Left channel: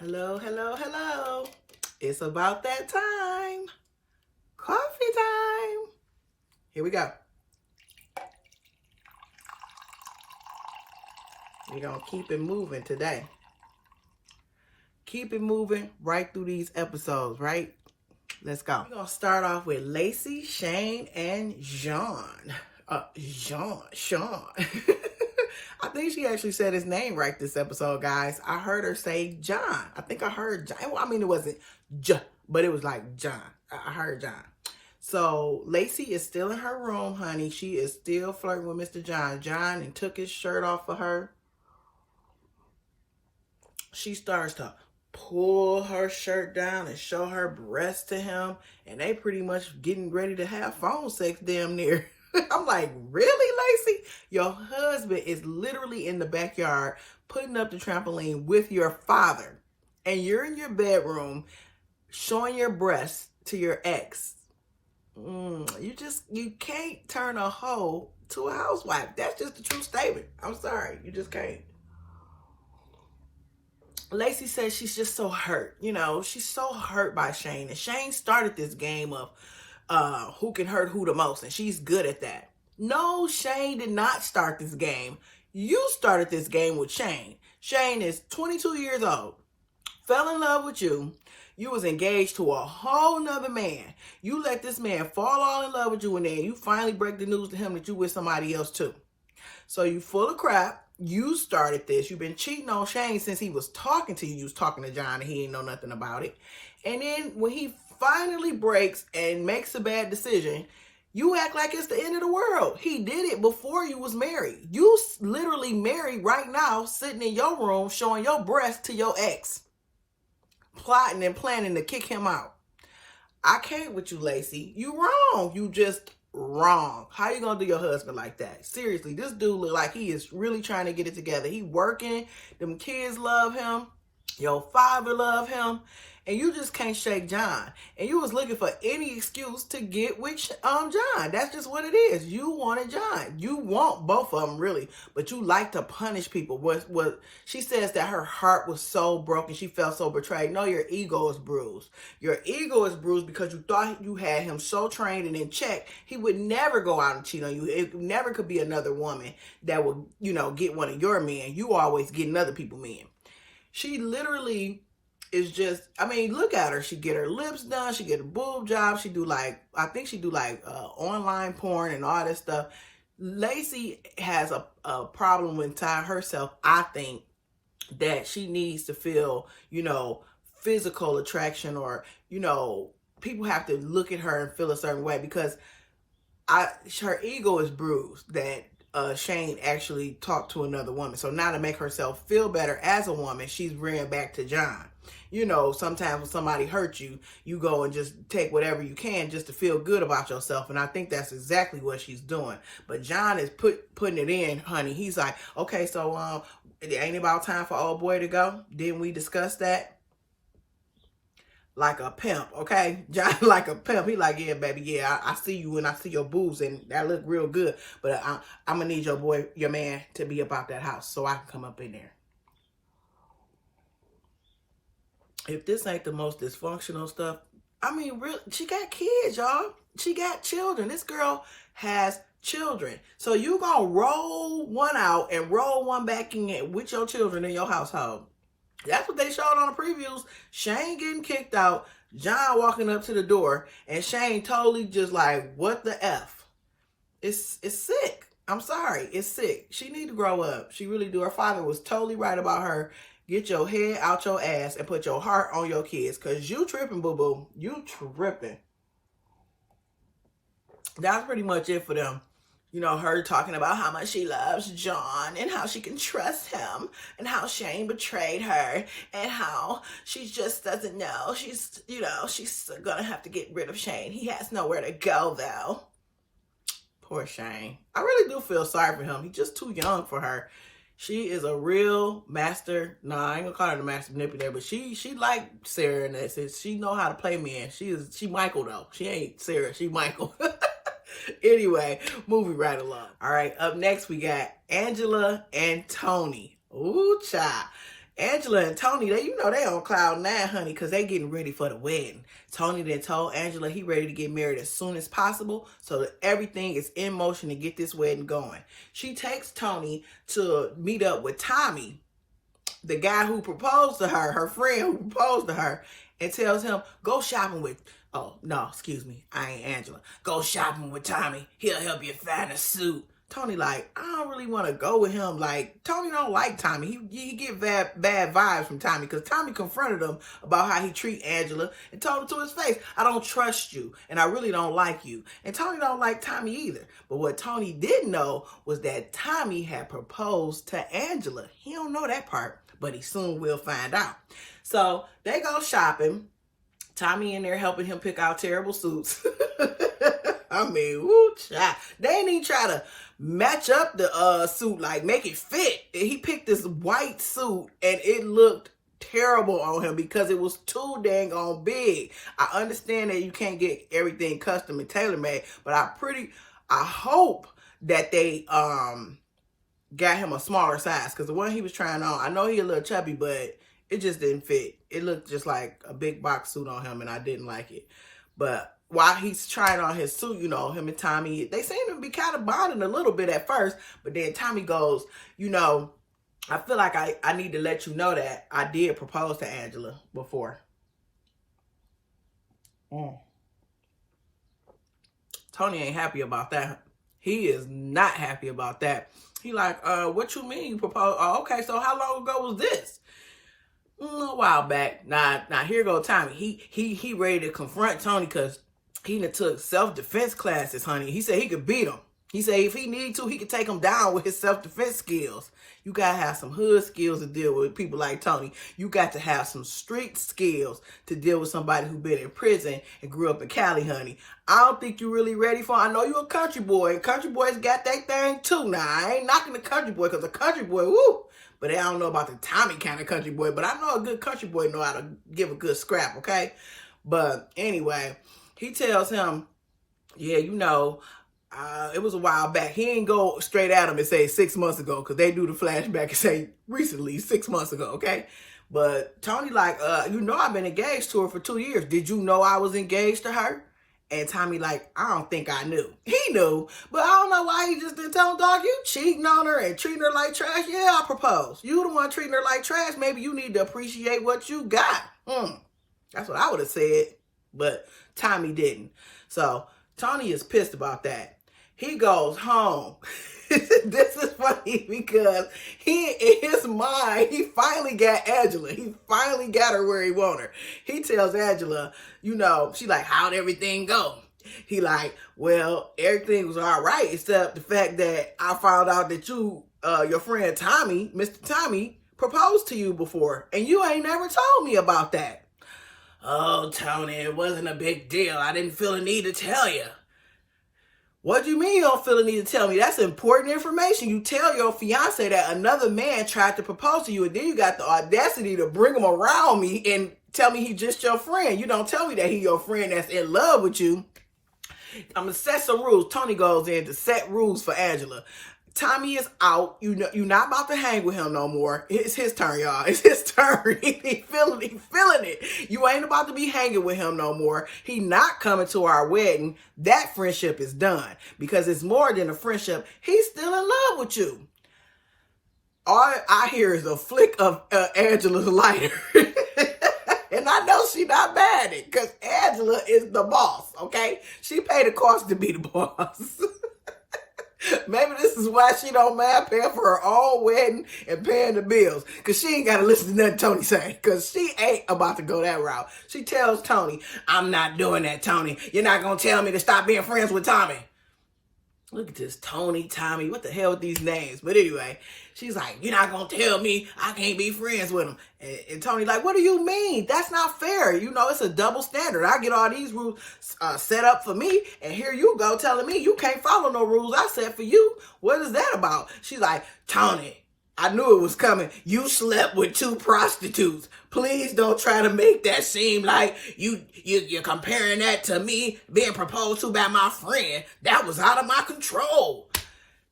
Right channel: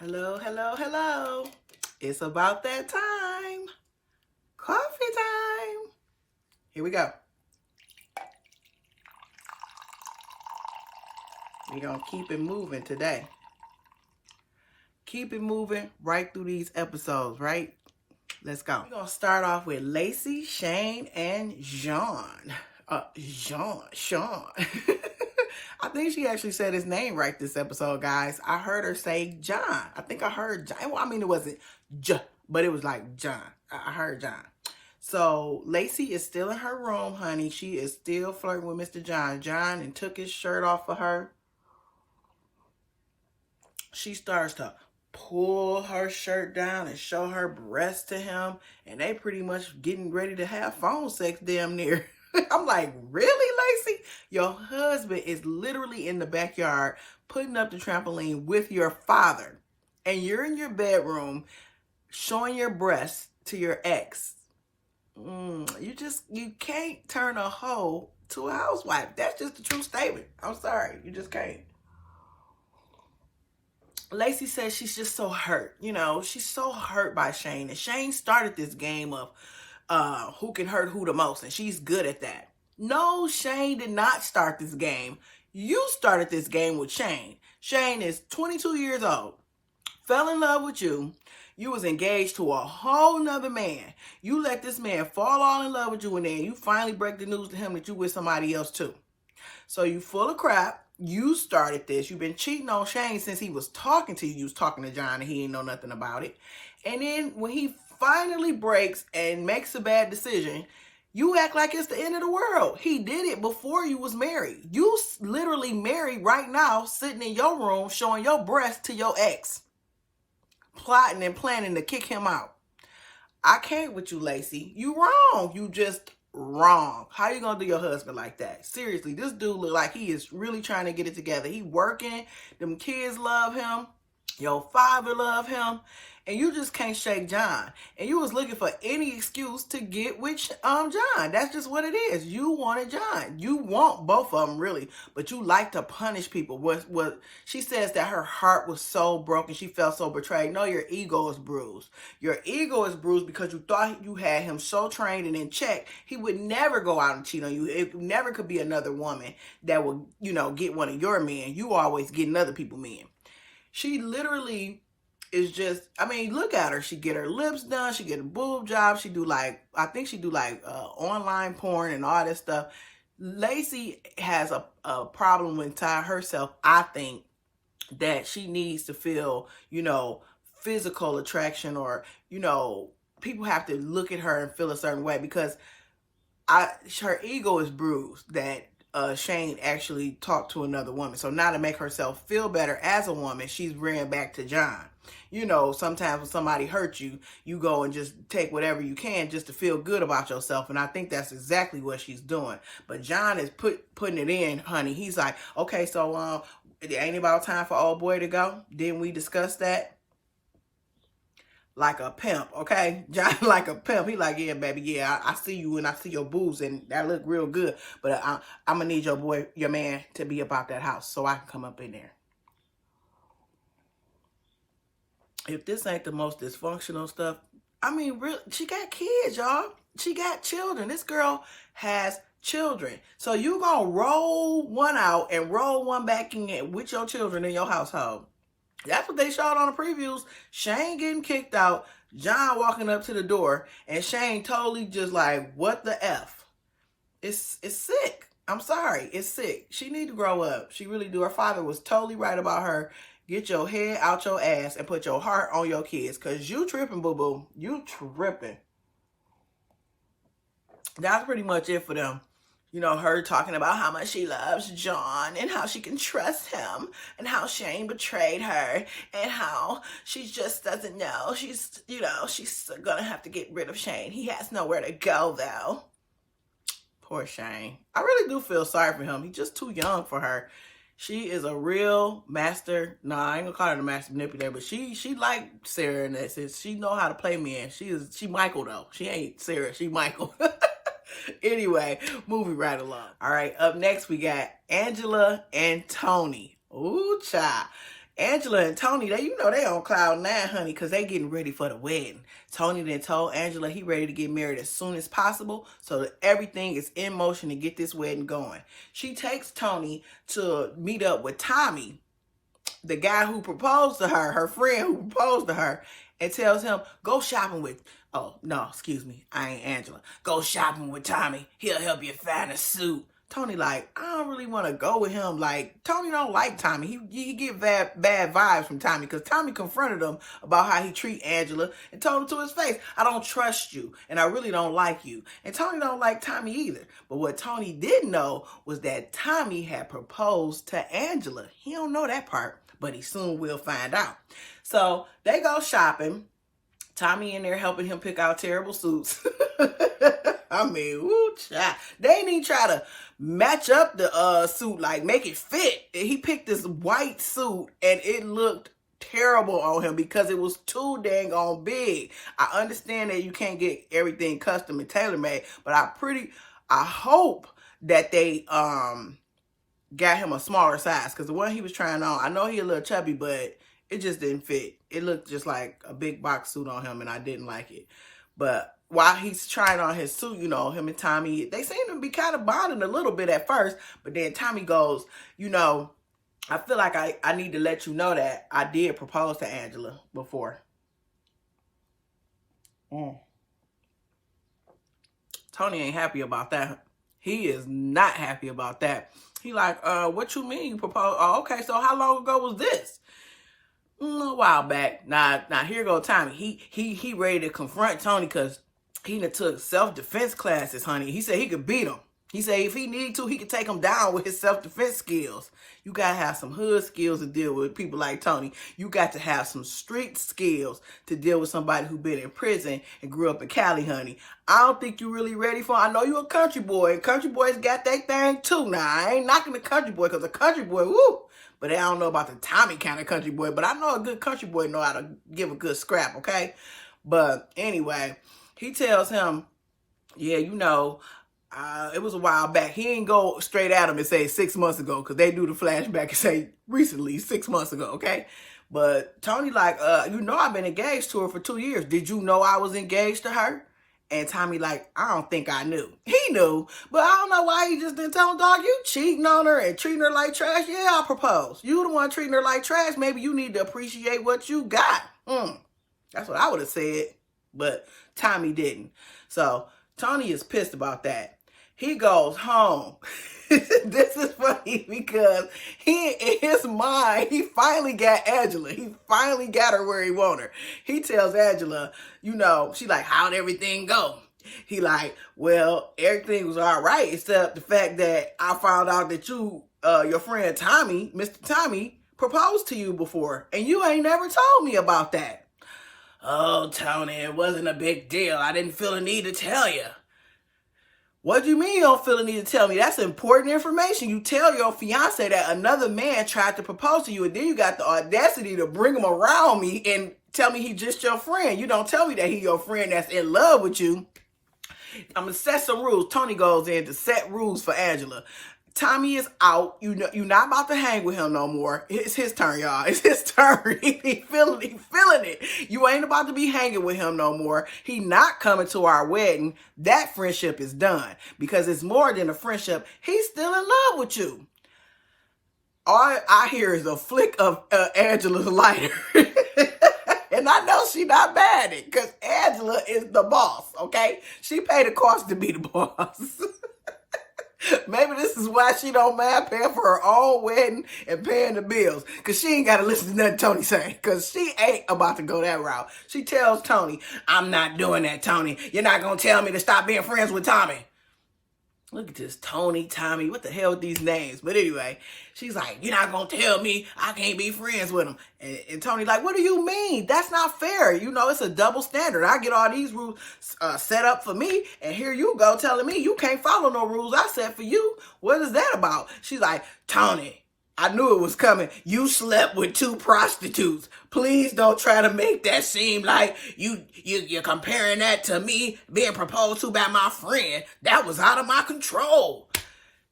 Hello, hello, hello. It's about that time. Coffee time. Here we go. We're going to keep it moving today. Keep it moving right through these episodes, right? Let's go. We're going to start off with Lacey, Shane, and John. Sean. I think she actually said his name right this episode, guys. I heard her say John. I think I heard John. Well, I mean, it wasn't J, but it was like John. I heard John. So Lacey is still in her room, honey. She is still flirting with Mr. John. John and took his shirt off of her. She starts to pull her shirt down and show her breasts to him. And they pretty much getting ready to have phone sex damn near. I'm like, really, Lacey? Your husband is literally in the backyard putting up the trampoline with your father. And you're in your bedroom showing your breasts to your ex. You can't turn a hoe to a housewife. That's just a true statement. I'm sorry. You just can't. Lacey says she's just so hurt. You know, she's so hurt by Shane. And Shane started this game of who can hurt who the most, and she's good at that. No, Shane did not start this game. You started this game with Shane. Shane is 22 years old, fell in love with you. You was engaged to a whole nother man. You let this man fall all in love with you, and then you finally break the news to him that you with somebody else too. So you full of crap. You started this. You've been cheating on Shane since he was talking to you. You was talking to John, and he ain't know nothing about it. And then when he finally breaks and makes a bad decision, you act like it's the end of the world. He did it before you was married. You literally married right now, sitting in your room, showing your breasts to your ex, plotting and planning to kick him out. I can't with you, Lacey. You wrong. You just wrong. How you gonna do your husband like that? Seriously, this dude look like he is really trying to get it together. He working. Them kids love him. Your father love him. And you just can't shake John. And you was looking for any excuse to get with John. That's just what it is. You wanted John. You want both of them, really. But you like to punish people. What she says that her heart was so broken. She felt so betrayed. No, your ego is bruised. Your ego is bruised because you thought you had him so trained and in check. He would never go out and cheat on you. It never could be another woman that would, get one of your men. You always getting other people men. She literally is just, look at her. She get her lips done. She get a boob job. She do online porn and all that stuff. Lacey has a problem with time herself. I think that she needs to feel, physical attraction, or, people have to look at her and feel a certain way, because her ego is bruised that Shane actually talked to another woman. So now to make herself feel better as a woman, she's ran back to John. Sometimes when somebody hurts you, you go and just take whatever you can just to feel good about yourself. And I think that's exactly what she's doing. But John is putting it in, honey. He's like, okay, so it ain't about time for old boy to go. Didn't we discuss that? Like a pimp, okay? John like a pimp. He like, yeah, baby, yeah, I see you and I see your boobs and that look real good. But I'm going to need your man to be about that house so I can come up in there. If this ain't the most dysfunctional stuff, really, she got kids, y'all. She got children. This girl has children. So you gonna roll one out and roll one back in with your children in your household. That's what they showed on the previews. Shane getting kicked out, John walking up to the door, and Shane totally just like, what the F? It's sick. I'm sorry. It's sick. She need to grow up. She really do. Her father was totally right about her. Get your head out your ass and put your heart on your kids, because you tripping, boo-boo. You tripping. That's pretty much it for them. Her talking about how much she loves John and how she can trust him and how Shane betrayed her and how she just doesn't know. She's going to have to get rid of Shane. He has nowhere to go, though. Poor Shane. I really do feel sorry for him. He's just too young for her. She is a real master. I ain't gonna call her the master manipulator, but she like Sarah in that sense. She know how to play men. She Michael though. She ain't Sarah. She Michael. Anyway, moving right along. All right, up next we got Angela and Tony. Ooh, child. Angela and Tony, they on cloud nine, honey, because they getting ready for the wedding. Tony then told Angela he ready to get married as soon as possible, so that everything is in motion to get this wedding going. She takes Tony to meet up with Tommy, the guy who proposed to her, her friend who proposed to her, and tells him, go shopping with, oh, no, excuse me, I ain't Angela. Go shopping with Tommy. He'll help you find a suit. Tony like, I don't really want to go with him. Like, Tony don't like Tommy. He get bad vibes from Tommy because Tommy confronted him about how he treat Angela and told him to his face, I don't trust you and I really don't like you. And Tony don't like Tommy either. But what Tony didn't know was that Tommy had proposed to Angela. He don't know that part, but he soon will find out. So they go shopping. Tommy in there helping him pick out terrible suits. I mean, woo, child. They didn't even try to match up the suit, like make it fit. He picked this white suit and it looked terrible on him because it was too dang on big. I understand that you can't get everything custom and tailor-made, but I hope that they got him a smaller size, because the one he was trying on, I know he a little chubby, but it just didn't fit. It looked just like a big box suit on him, and I didn't like it. But while he's trying on his suit, him and Tommy, they seem to be kind of bonding a little bit at first, but then Tommy goes, I feel like I need to let you know that I did propose to Angela before. Tony ain't happy about that. He is not happy about that. He like, what you mean you proposed? Oh, okay, so how long ago was this? A while back. Now here go Tommy. He ready to confront Tony because he done took self-defense classes, honey. He said he could beat him. He said if he need to, he could take him down with his self-defense skills. You got to have some hood skills to deal with people like Tony. You got to have some street skills to deal with somebody who been in prison and grew up in Cali, honey. I don't think you really ready for it. I know you a country boy. And country boys got that thing too. Now, I ain't knocking the country boy because a country boy, woo. But I don't know about the Tommy kind of country boy. But I know a good country boy know how to give a good scrap, okay? But anyway, he tells him, yeah, it was a while back. He ain't go straight at him and say 6 months ago, because they do the flashback and say recently, 6 months ago, okay? But Tony like, I've been engaged to her for 2 years. Did you know I was engaged to her? And Tommy like, I don't think I knew. He knew, but I don't know why he just didn't tell him, dog, you cheating on her and treating her like trash. Yeah, I proposed. You the one treating her like trash. Maybe you need to appreciate what you got. That's what I would have said, but Tommy didn't. So Tony is pissed about that. He goes home. This is funny because in his mind, he finally got Angela. He finally got her where he want her. He tells Angela, she like, how'd everything go? He like, well, everything was all right, except the fact that I found out that your friend Tommy, Mr. Tommy, proposed to you before, and you ain't never told me about that. Oh, Tony, it wasn't a big deal. I didn't feel a need to tell you. What do you mean you don't feel the need to tell me? That's important information. You tell your fiance that another man tried to propose to you, and then you got the audacity to bring him around me and tell me he just your friend. You don't tell me that he your friend that's in love with you. I'm going to set some rules. Tony goes in to set rules for Angela. Tommy is out. You're not about to hang with him no more. It's his turn, y'all. It's his turn. He feeling it. You ain't about to be hanging with him no more. He not coming to our wedding. That friendship is done because it's more than a friendship. He's still in love with you. All I hear is a flick of Angela's lighter. And I know she not mad at it because Angela is the boss, okay? She paid the cost to be the boss. Maybe this is why she don't mind paying for her own wedding and paying the bills. Because she ain't got to listen to nothing Tony say. Because she ain't about to go that route. She tells Tony, I'm not doing that, Tony. You're not going to tell me to stop being friends with Tommy. Look at this, Tony, Tommy. What the hell with these names? But anyway, she's like, you're not going to tell me I can't be friends with him. And Tony's like, what do you mean? That's not fair. It's a double standard. I get all these rules set up for me. And here you go telling me you can't follow no rules I set for you. What is that about? She's like, Tony, I knew it was coming. You slept with 2 prostitutes. Please don't try to make that seem like you're comparing that to me being proposed to by my friend. That was out of my control.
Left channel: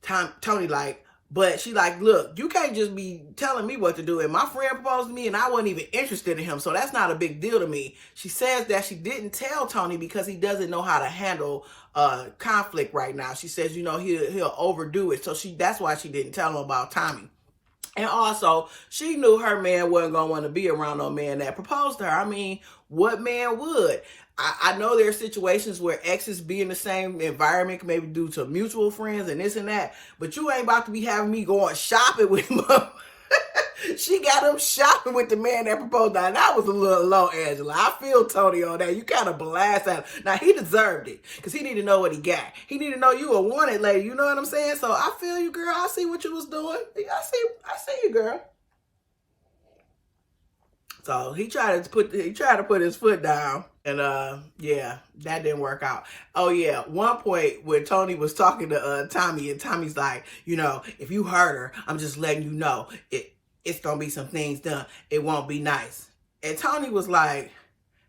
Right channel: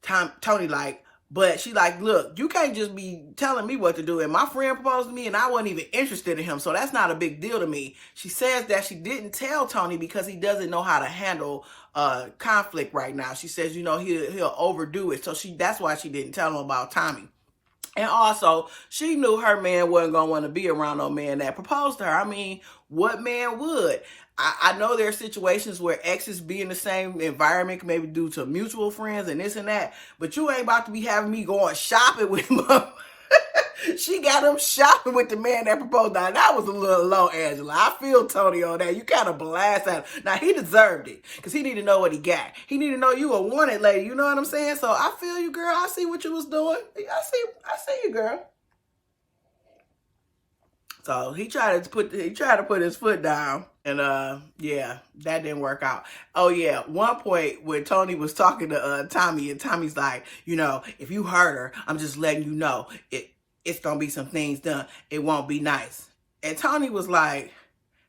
Tony like, But she like, look, you can't just be telling me what to do. And my friend proposed to me and I wasn't even interested in him. So that's not a big deal to me. She says that she didn't tell Tony because he doesn't know how to handle conflict right now. She says, you know, he'll overdo it. So that's why she didn't tell him about Tommy. And also, she knew her man wasn't going to want to be around no man that proposed to her. I mean, what man would? I know there are situations where exes be in the same environment, maybe due to mutual friends and this and that, but you ain't about to be having me going shopping with him. She got him shopping with the man that proposed. Now, that was a little low, Angela. I feel Tony on that. You kind of blast out. Now, he deserved it because he needed to know what he got. He needed to know you a wanted lady. You know what I'm saying? So I feel you, girl. I see what you was doing. I see you, girl. So he tried to put his foot down. And yeah, that didn't work out. Oh yeah, one point when Tony was talking to Tommy, and Tommy's like, you know, if you hurt her, I'm just letting you know it's gonna be some things done. It won't be nice. And Tony was like,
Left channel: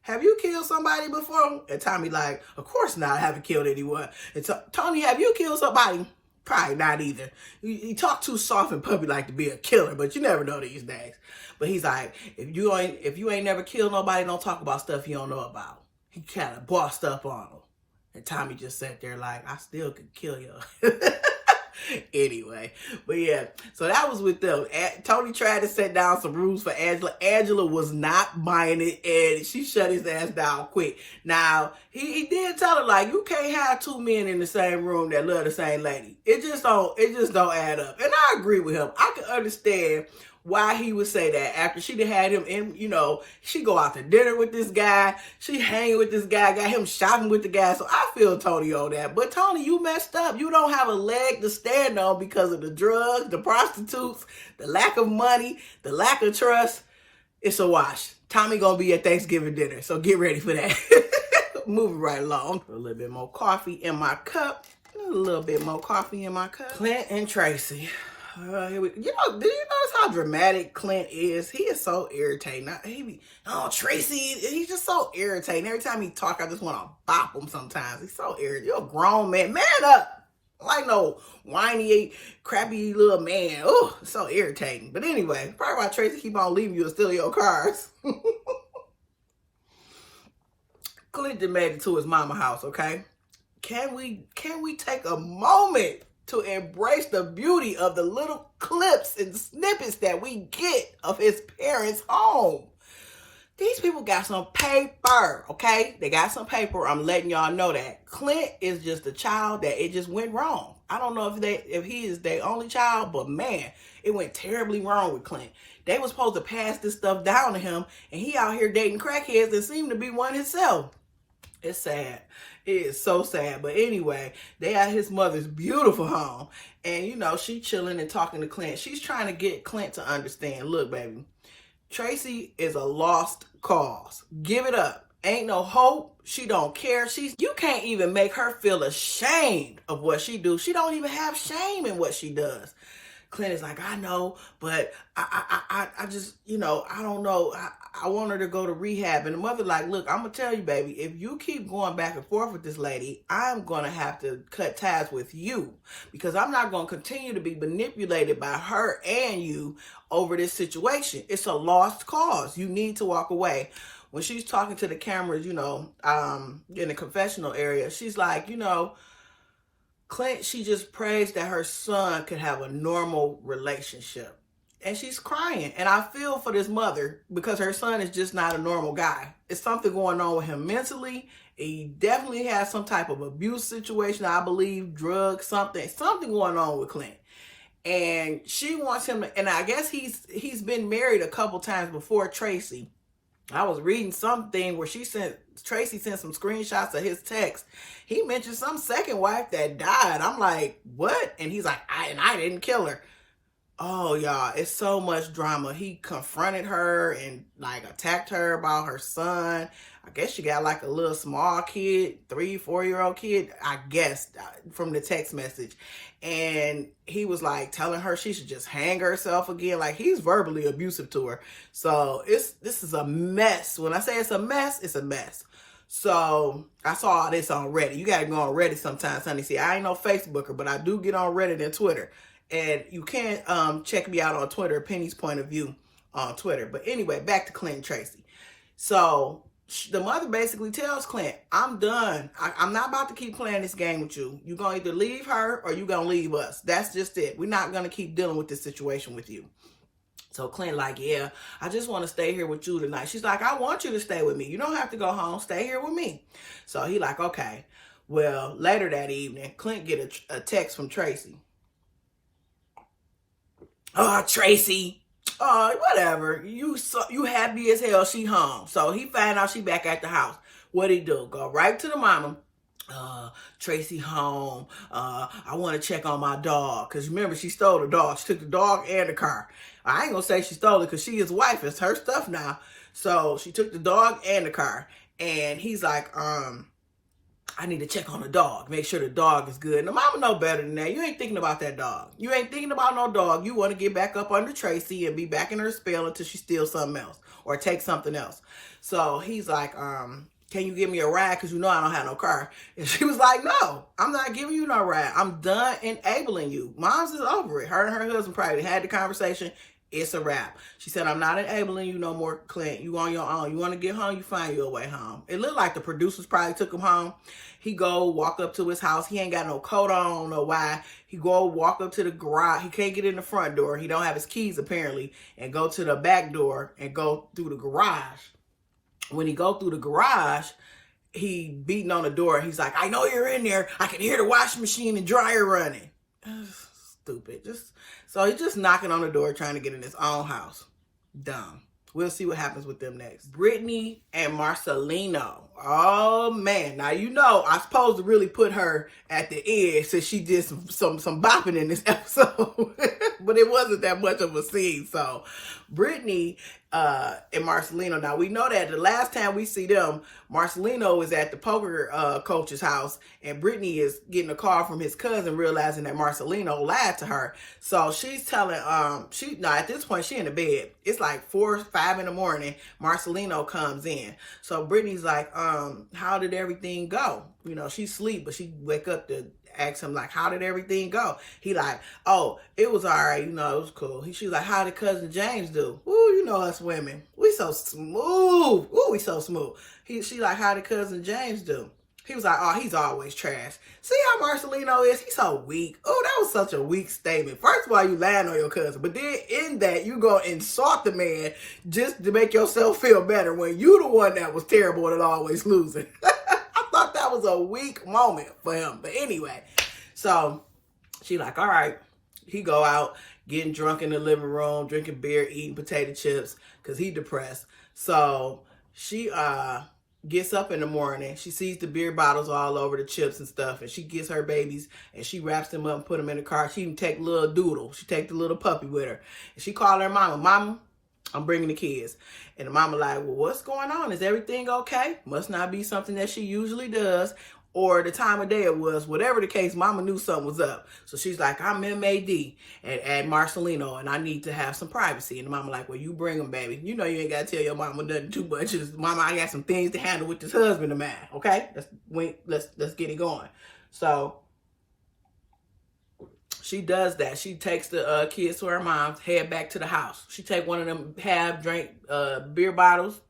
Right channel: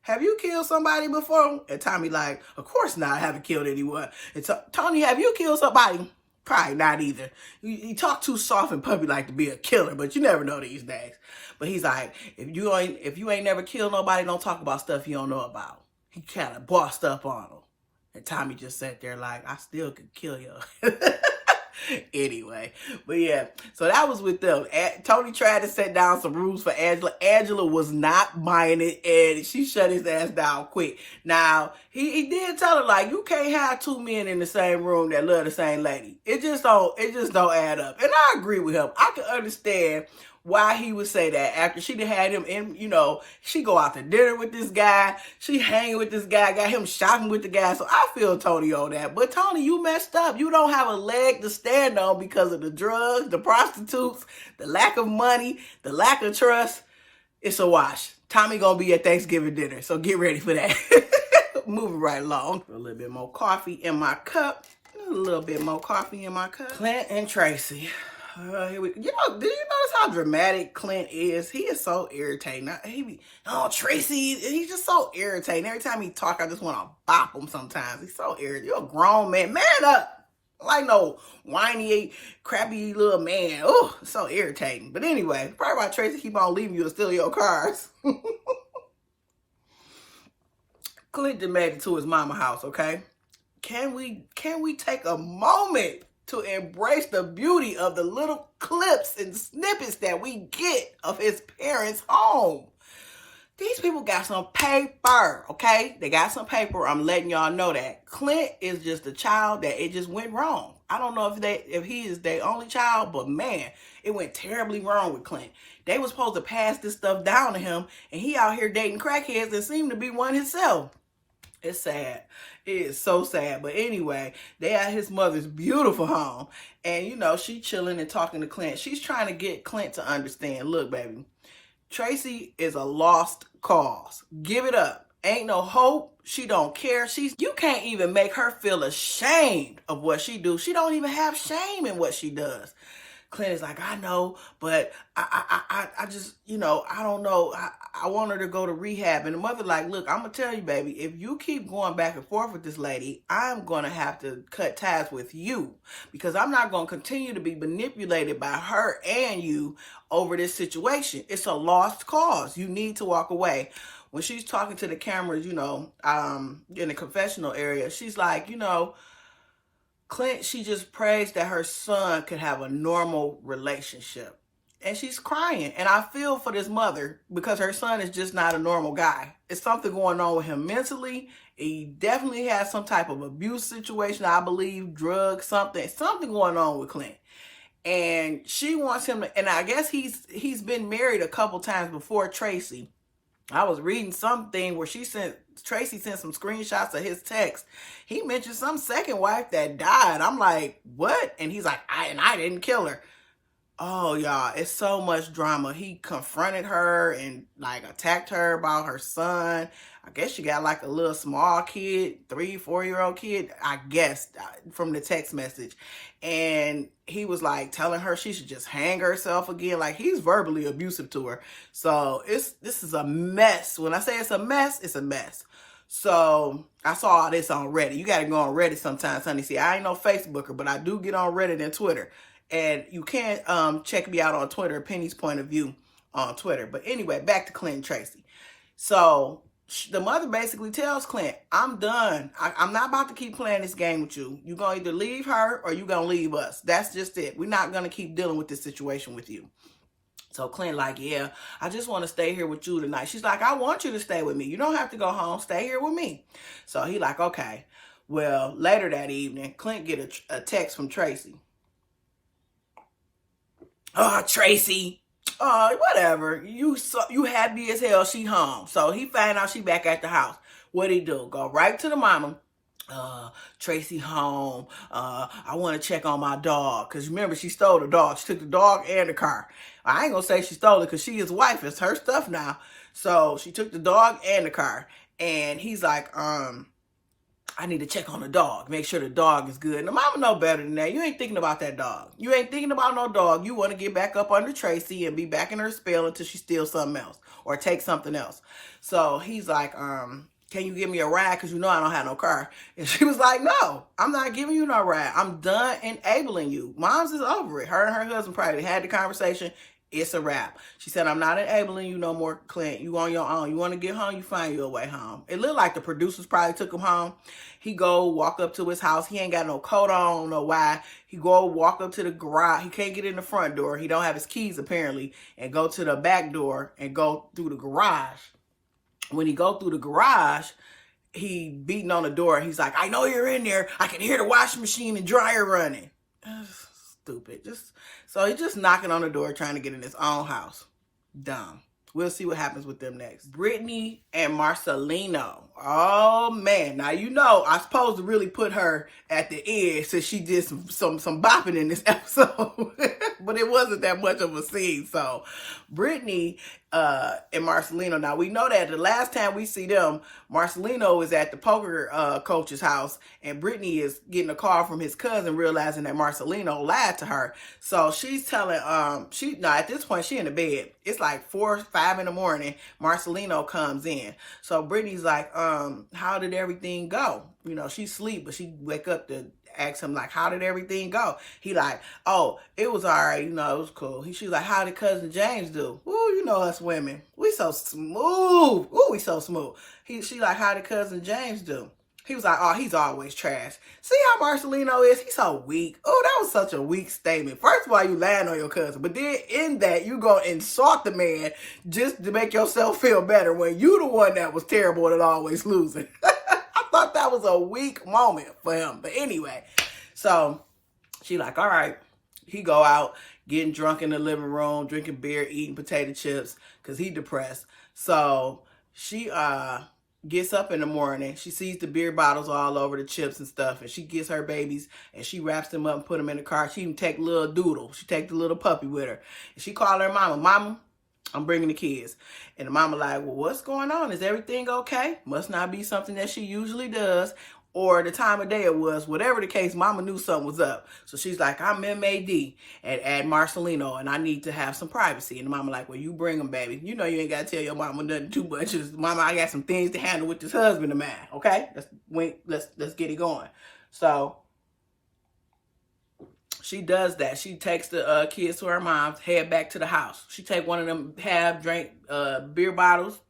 have you killed somebody before? And Tommy like, of course not. I haven't killed anyone. And Tony, have you killed somebody? Probably not either. You talk too soft and puppy like to be a killer, but you never know these days. But he's like, if you ain't never killed nobody, don't talk about stuff you don't know about. He kind of bossed up on him. And Tommy just sat there like, I still could kill you. Anyway, but yeah, so that was with them. Tony tried to set down some rules for Angela. Angela was not buying it, and she shut his ass down quick. Now, he did tell her, like, you can't have two men in the same room that love the same lady. It just don't add up. And I agree with him. I can understand why he would say that after she had him in, you know, she go out to dinner with this guy, she hanging with this guy, got him shopping with the guy. So I feel Tony on that. But Tony, you messed up. You don't have a leg to stand on because of the drugs, the prostitutes, the lack of money, the lack of trust. It's a wash. Tommy gonna be at Thanksgiving dinner, so get ready for that. Moving right along. A little bit more coffee in my cup. A little bit more coffee in my cup. Clint and Tracie. Here we, you know, did you notice how dramatic Clint is? He is so irritating. Tracie, he's just so irritating. Every time he talk, I just want to bop him sometimes. He's so irritating. You're a grown man. Man up. Like no whiny, crappy little man. Oh, so irritating. But anyway, probably why Tracie keep on leaving you and steal your cars. Clint done made it to his mama house, okay? Can we take a moment to embrace the beauty of the little clips and snippets that we get of his parents' home? These people got some paper, okay? They got some paper. I'm letting y'all know that. Clint is just a child that it just went wrong. I don't know if he is their only child, but man, it went terribly wrong with Clint. They was supposed to pass this stuff down to him, and he out here dating crackheads and seemed to be one himself. It's sad. It is so sad. But anyway, they at his mother's beautiful home. And, you know, she chilling and talking to Clint. She's trying to get Clint to understand. Look, baby, Tracie is a lost cause. Give it up. Ain't no hope. She don't care. You can't even make her feel ashamed of what she do. She don't even have shame in what she does. Clint is like, I know, but I just, you know, I don't know. I want her to go to rehab. And the mother like, look, I'm going to tell you, baby, if you keep going back and forth with this lady, I'm going to have to cut ties with you because I'm not going to continue to be manipulated by her and you over this situation. It's a lost cause. You need to walk away. When she's talking to the cameras, you know, in the confessional area, she's like, you know, Clint, she just prays that her son could have a normal relationship. And she's crying. And I feel for this mother because her son is just not a normal guy. It's something going on with him mentally. He definitely has some type of abuse situation, I believe, drugs, something going on with Clint. And she wants him to, and I guess he's been married a couple times before Tracie. I was reading something where Tracie sent some screenshots of his text. He mentioned some second wife that died. I'm like, what? And he's like, I didn't kill her. Oh, y'all, it's so much drama. He confronted her and like attacked her about her son. I guess she got like a little small kid, 3-4-year-old kid, I guess, from the text message. And he was like telling her she should just hang herself again. Like he's verbally abusive to her. So this is a mess. When I say it's a mess, it's a mess. So I saw all this on Reddit. You got to go on Reddit sometimes, honey. See, I ain't no Facebooker, but I do get on Reddit and Twitter. And you can check me out on Twitter, Penny's Point of View on Twitter. But anyway, back to Clint Tracie. So the mother basically tells Clint, I'm done. I'm not about to keep playing this game with you. You're going to either leave her or you're going to leave us. That's just it. We're not going to keep dealing with this situation with you. So Clint like, yeah, I just want to stay here with you tonight. She's like, I want you to stay with me. You don't have to go home. Stay here with me. So he like, okay. Well, later that evening, Clint get a text from Tracie. Oh, Tracie. Oh, whatever. You happy as hell she home. So he find out she back at the house. What'd he do? Go right to the mama. Tracie home. I want to check on my dog. Because remember, she stole the dog. She took the dog and the car. I ain't going to say she stole it because she his wife. It's her stuff now. So she took the dog and the car. And he's like, I need to check on the dog. Make sure the dog is good. And the mama know better than that. You ain't thinking about that dog. You ain't thinking about no dog. You want to get back up under Tracie and be back in her spell until she steals something else or takes something else. So he's like, can you give me a ride? Because you know I don't have no car. And she was like, no, I'm not giving you no ride. I'm done enabling you. Mom's is over it. Her and her husband probably had the conversation. It's a wrap. She said, I'm not enabling you no more, Clint. You on your own. You want to get home, you find your way home. It looked like the producers probably took him home. He go walk up to his house. He ain't got no coat on, don't know why. He go walk up to the garage. He can't get in the front door. He don't have his keys apparently. And go to the back door and go through the garage. When he go through the garage, he beating on the door. He's like, I know you're in there. I can hear the washing machine and dryer running. Stupid. So he's just knocking on the door trying to get in his own house. Dumb. We'll see what happens with them next. Brittany and Marcelino. Oh, man. Now, you know, I'm supposed to really put her at the end since she did some bopping in this episode. But it wasn't that much of a scene. So, Brittany and Marcelino. Now, we know that the last time we see them, Marcelino is at the poker coach's house, and Brittany is getting a call from his cousin, realizing that Marcelino lied to her. So she's telling, at this point, she in the bed. It's like 4 or 5 in the morning. Marcelino comes in. So Brittany's like, how did everything go? You know, she sleep, but she wake up to ask him, like, how did everything go? He like, oh, it was all right. You know, it was cool. She's like, how did cousin James do? Ooh, you know us women. We so smooth. Ooh, we so smooth. She like, how did cousin James do? He was like, oh, he's always trash. See how Marcelino is? He's so weak. Oh, that was such a weak statement. First of all, you lying on your cousin. But then in that, you go insult the man just to make yourself feel better when you the one that was terrible and always losing. I thought that was a weak moment for him. But anyway, so she like, all right. He go out, getting drunk in the living room, drinking beer, eating potato chips because he depressed. So she gets up in the morning. She sees the beer bottles all over the chips and stuff, and she gets her babies and she wraps them up and put them in the car. She even take little Doodle. She take the little puppy with her. And she called her mama, Mama, I'm bringing the kids. And the mama like, well, what's going on? Is everything okay? Must not be something that she usually does, or the time of day it was. Whatever the case, mama knew something was up. So she's like, I'm MAD at Marcelino, and I need to have some privacy. And the mama like, well, you bring them, baby. You know you ain't got to tell your mama nothing too much. Just, mama, I got some things to handle with this husband of mine, okay? Let's get it going. So she does that. She takes the kids to her mom's, head back to the house. She take one of them half-drank beer bottles,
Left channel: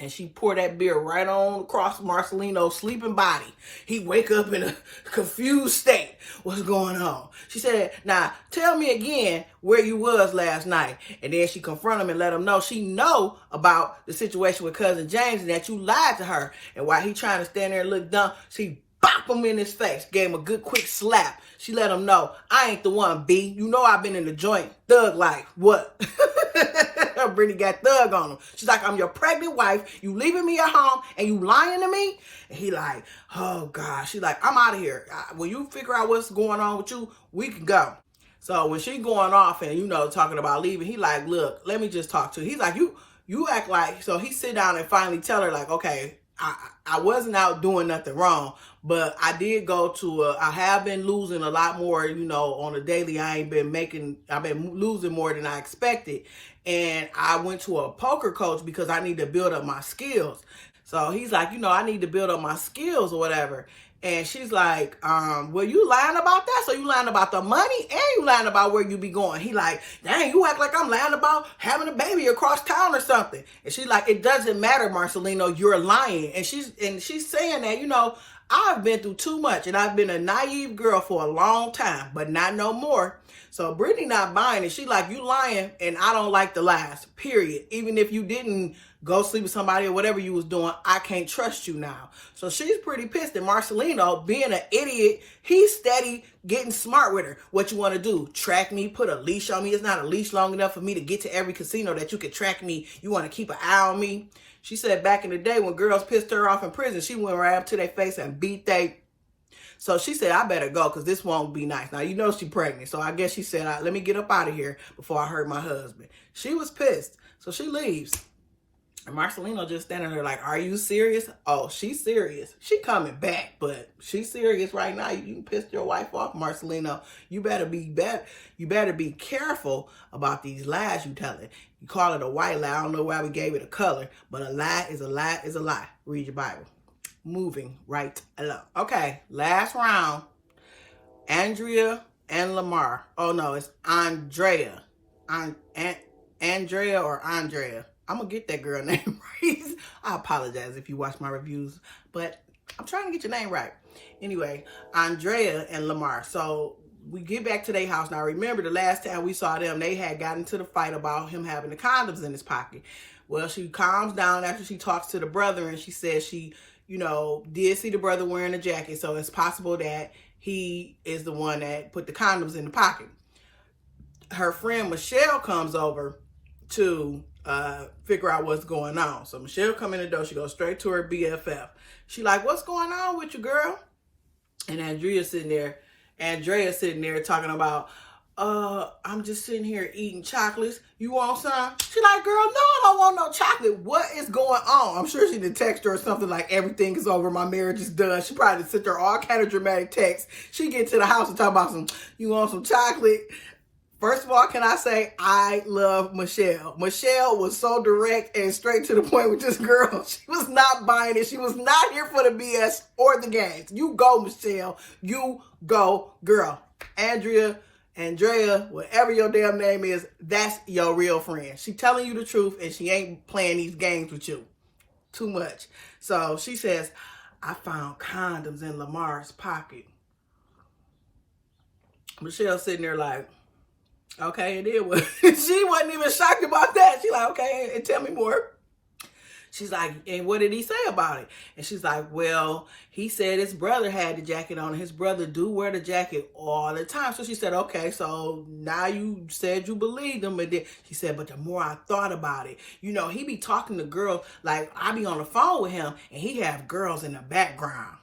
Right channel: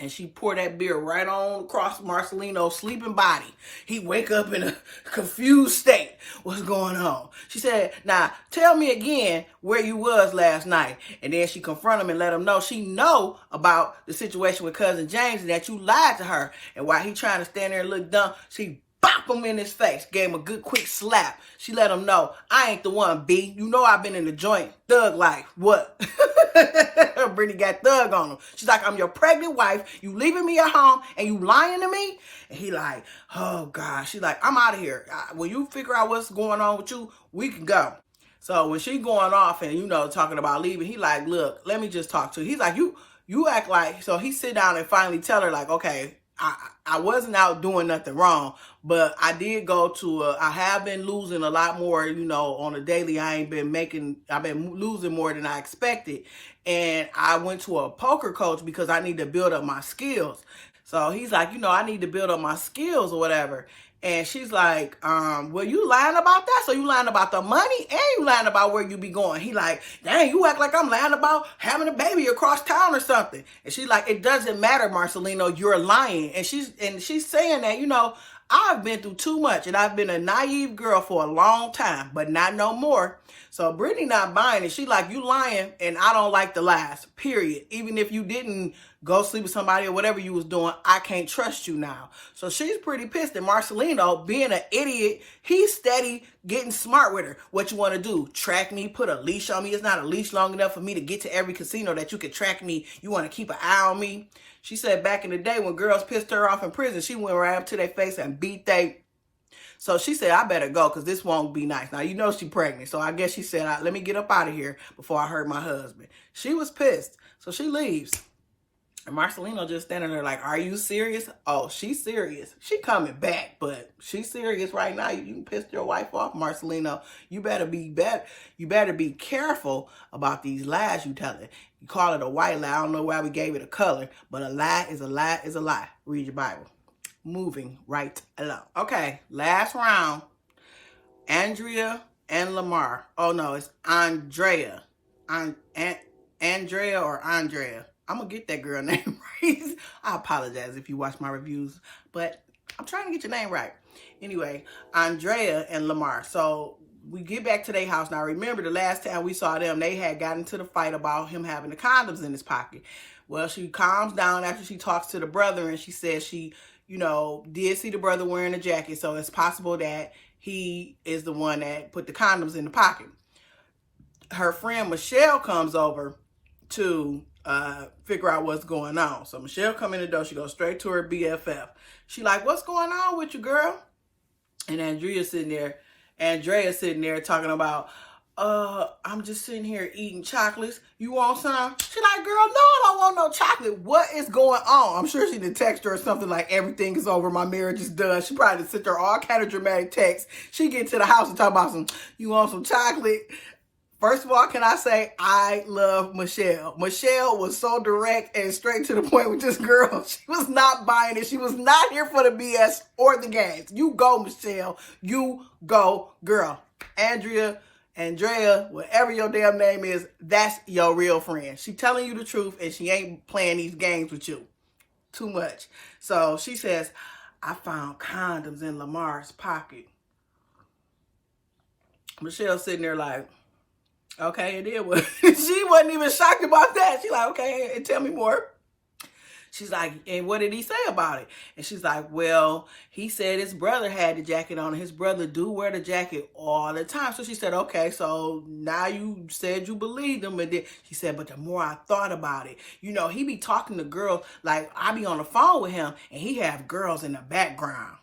and she pour that beer right on across Marcelino's sleeping body. He wake up in a confused state. What's going on? She said, now, tell me again where you was last night. And then she confront him and let him know she know about the situation with cousin James and that you lied to her. And while he trying to stand there and look dumb, she bop him in his face. Gave him a good quick slap. She let him know, I ain't the one, B. You know I've been in the joint. Thug life. What? Brittany got thug on him. She's like, I'm your pregnant wife. You leaving me at home and you lying to me? And he like, oh, God. She like, I'm out of here. When you figure out what's going on with you, we can go. So when she going off and, you know, talking about leaving, he like, look, let me just talk to you. He's like, you act like, so he sit down and finally tell her like, okay, I wasn't out doing nothing wrong, but I did go to I have been losing a lot more, you know, on a daily. I've been losing more than I expected. And I went to a poker coach because I need to build up my skills. So he's like, you know, I need to build up my skills or whatever. And she's like, well, you lying about that? So you lying about the money and you lying about where you be going. He like, dang, you act like I'm lying about having a baby across town or something. And she's like, it doesn't matter, Marcelino, you're lying. And she's saying that, you know, I've been through too much and I've been a naive girl for a long time, but not no more. So Brittany not buying it. She like, you lying and I don't like the lies, period. Even if you didn't go sleep with somebody or whatever you was doing, I can't trust you now. So she's pretty pissed. And Marcelino, being an idiot, he's steady getting smart with her. What you want to do? Track me? Put a leash on me? It's not a leash long enough for me to get to every casino that you can track me. You want to keep an eye on me? She said back in the day when girls pissed her off in prison, she went right up to their face and beat they. So she said, I better go because this won't be nice. Now, you know she's pregnant. So I guess she said, let me get up out of here before I hurt my husband. She was pissed. So she leaves. And Marcelino just standing there like, are you serious? Oh, she's serious. She coming back, but she's serious right now. You pissed your wife off, Marcelino. You better be careful about these lies you telling. You call it a white lie. I don't know why we gave it a color, but a lie is a lie is a lie. Read your Bible. Moving right along. Okay, last round. Andrea and Lamar. Oh no, it's Andrea. Andrea or Andrea. I'm going to get that girl name right. I apologize if you watch my reviews, but I'm trying to get your name right. Anyway, Andrea and Lamar. So we get back to their house. Now, remember the last time we saw them, they had gotten into the fight about him having the condoms in his pocket. Well, she calms down after she talks to the brother and she says she, you know, did see the brother wearing a jacket. So it's possible that he is the one that put the condoms in the pocket. Her friend Michelle comes over to figure out what's going on. So Michelle come in the door. She goes straight to her BFF. She like, what's going on with you, girl? And Andrea sitting there talking about, I'm just sitting here eating chocolates. You want some? She like, girl, no, I don't want no chocolate. What is going on? I'm sure she did text her or something like, everything is over. My marriage is done. She probably sent her all kind of dramatic texts. She get to the house and talk about you want some chocolate? First of all, can I say, I love Michelle. Michelle was so direct and straight to the point with this girl. She was not buying it. She was not here for the BS or the games. You go, Michelle. You go, girl. Andrea, whatever your damn name is, that's your real friend. She telling you the truth and she ain't playing these games with you. Too much. So she says, I found condoms in Lamar's pocket. Michelle sitting there like, okay, it is. She wasn't even shocked about that. She's like, okay, and tell me more. She's like, and what did he say about it? And she's like, well, he said his brother had the jacket on. His brother do wear the jacket all the time. So she said, okay, so now you said you believed him. But then she said, but the more I thought about it, you know, he be talking to girls. Like, I be on the phone with him and he have girls in the background.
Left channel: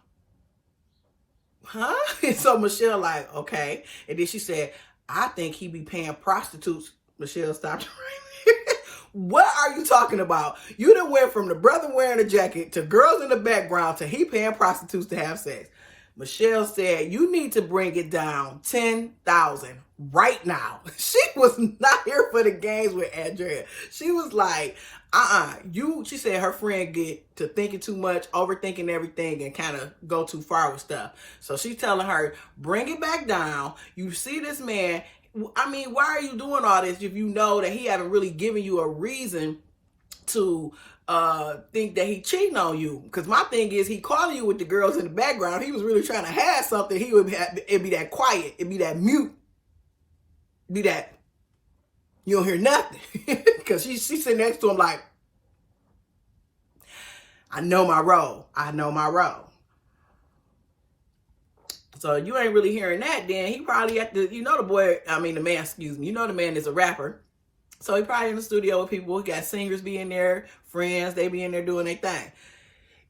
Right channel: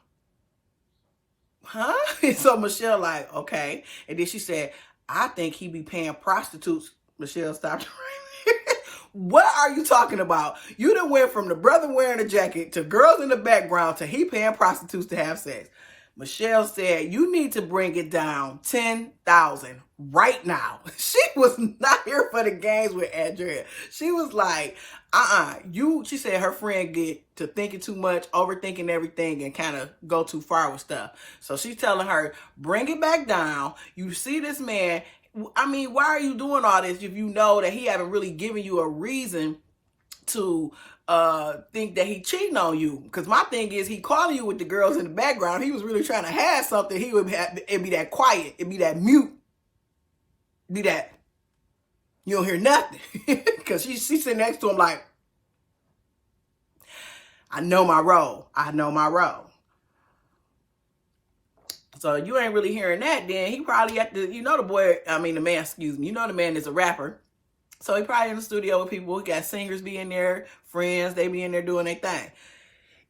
Huh? And so Michelle like, okay. And then she said, I think he be paying prostitutes. Michelle stopped right there. What are you talking about? You done went from the brother wearing a jacket to girls in the background to he paying prostitutes to have sex. Michelle said, you need to bring it down 10,000 right now. She was not here for the games with Andrea. She was like, she said her friend get to thinking too much, overthinking everything, and kind of go too far with stuff. So she's telling her, bring it back down. You see this man. I mean, why are you doing all this if you know that he haven't really given you a reason to think that he cheating on you? Because my thing is, he calling you with the girls in the background. If he was really trying to have something, it'd be that quiet. It'd be that mute. It'd be that you don't hear nothing. Because she's sitting next to him like, I know my role. I know my role. So you ain't really hearing that, then he probably the man is a rapper. So he probably in the studio with people. He got singers be in there, friends, they be in there doing their thing.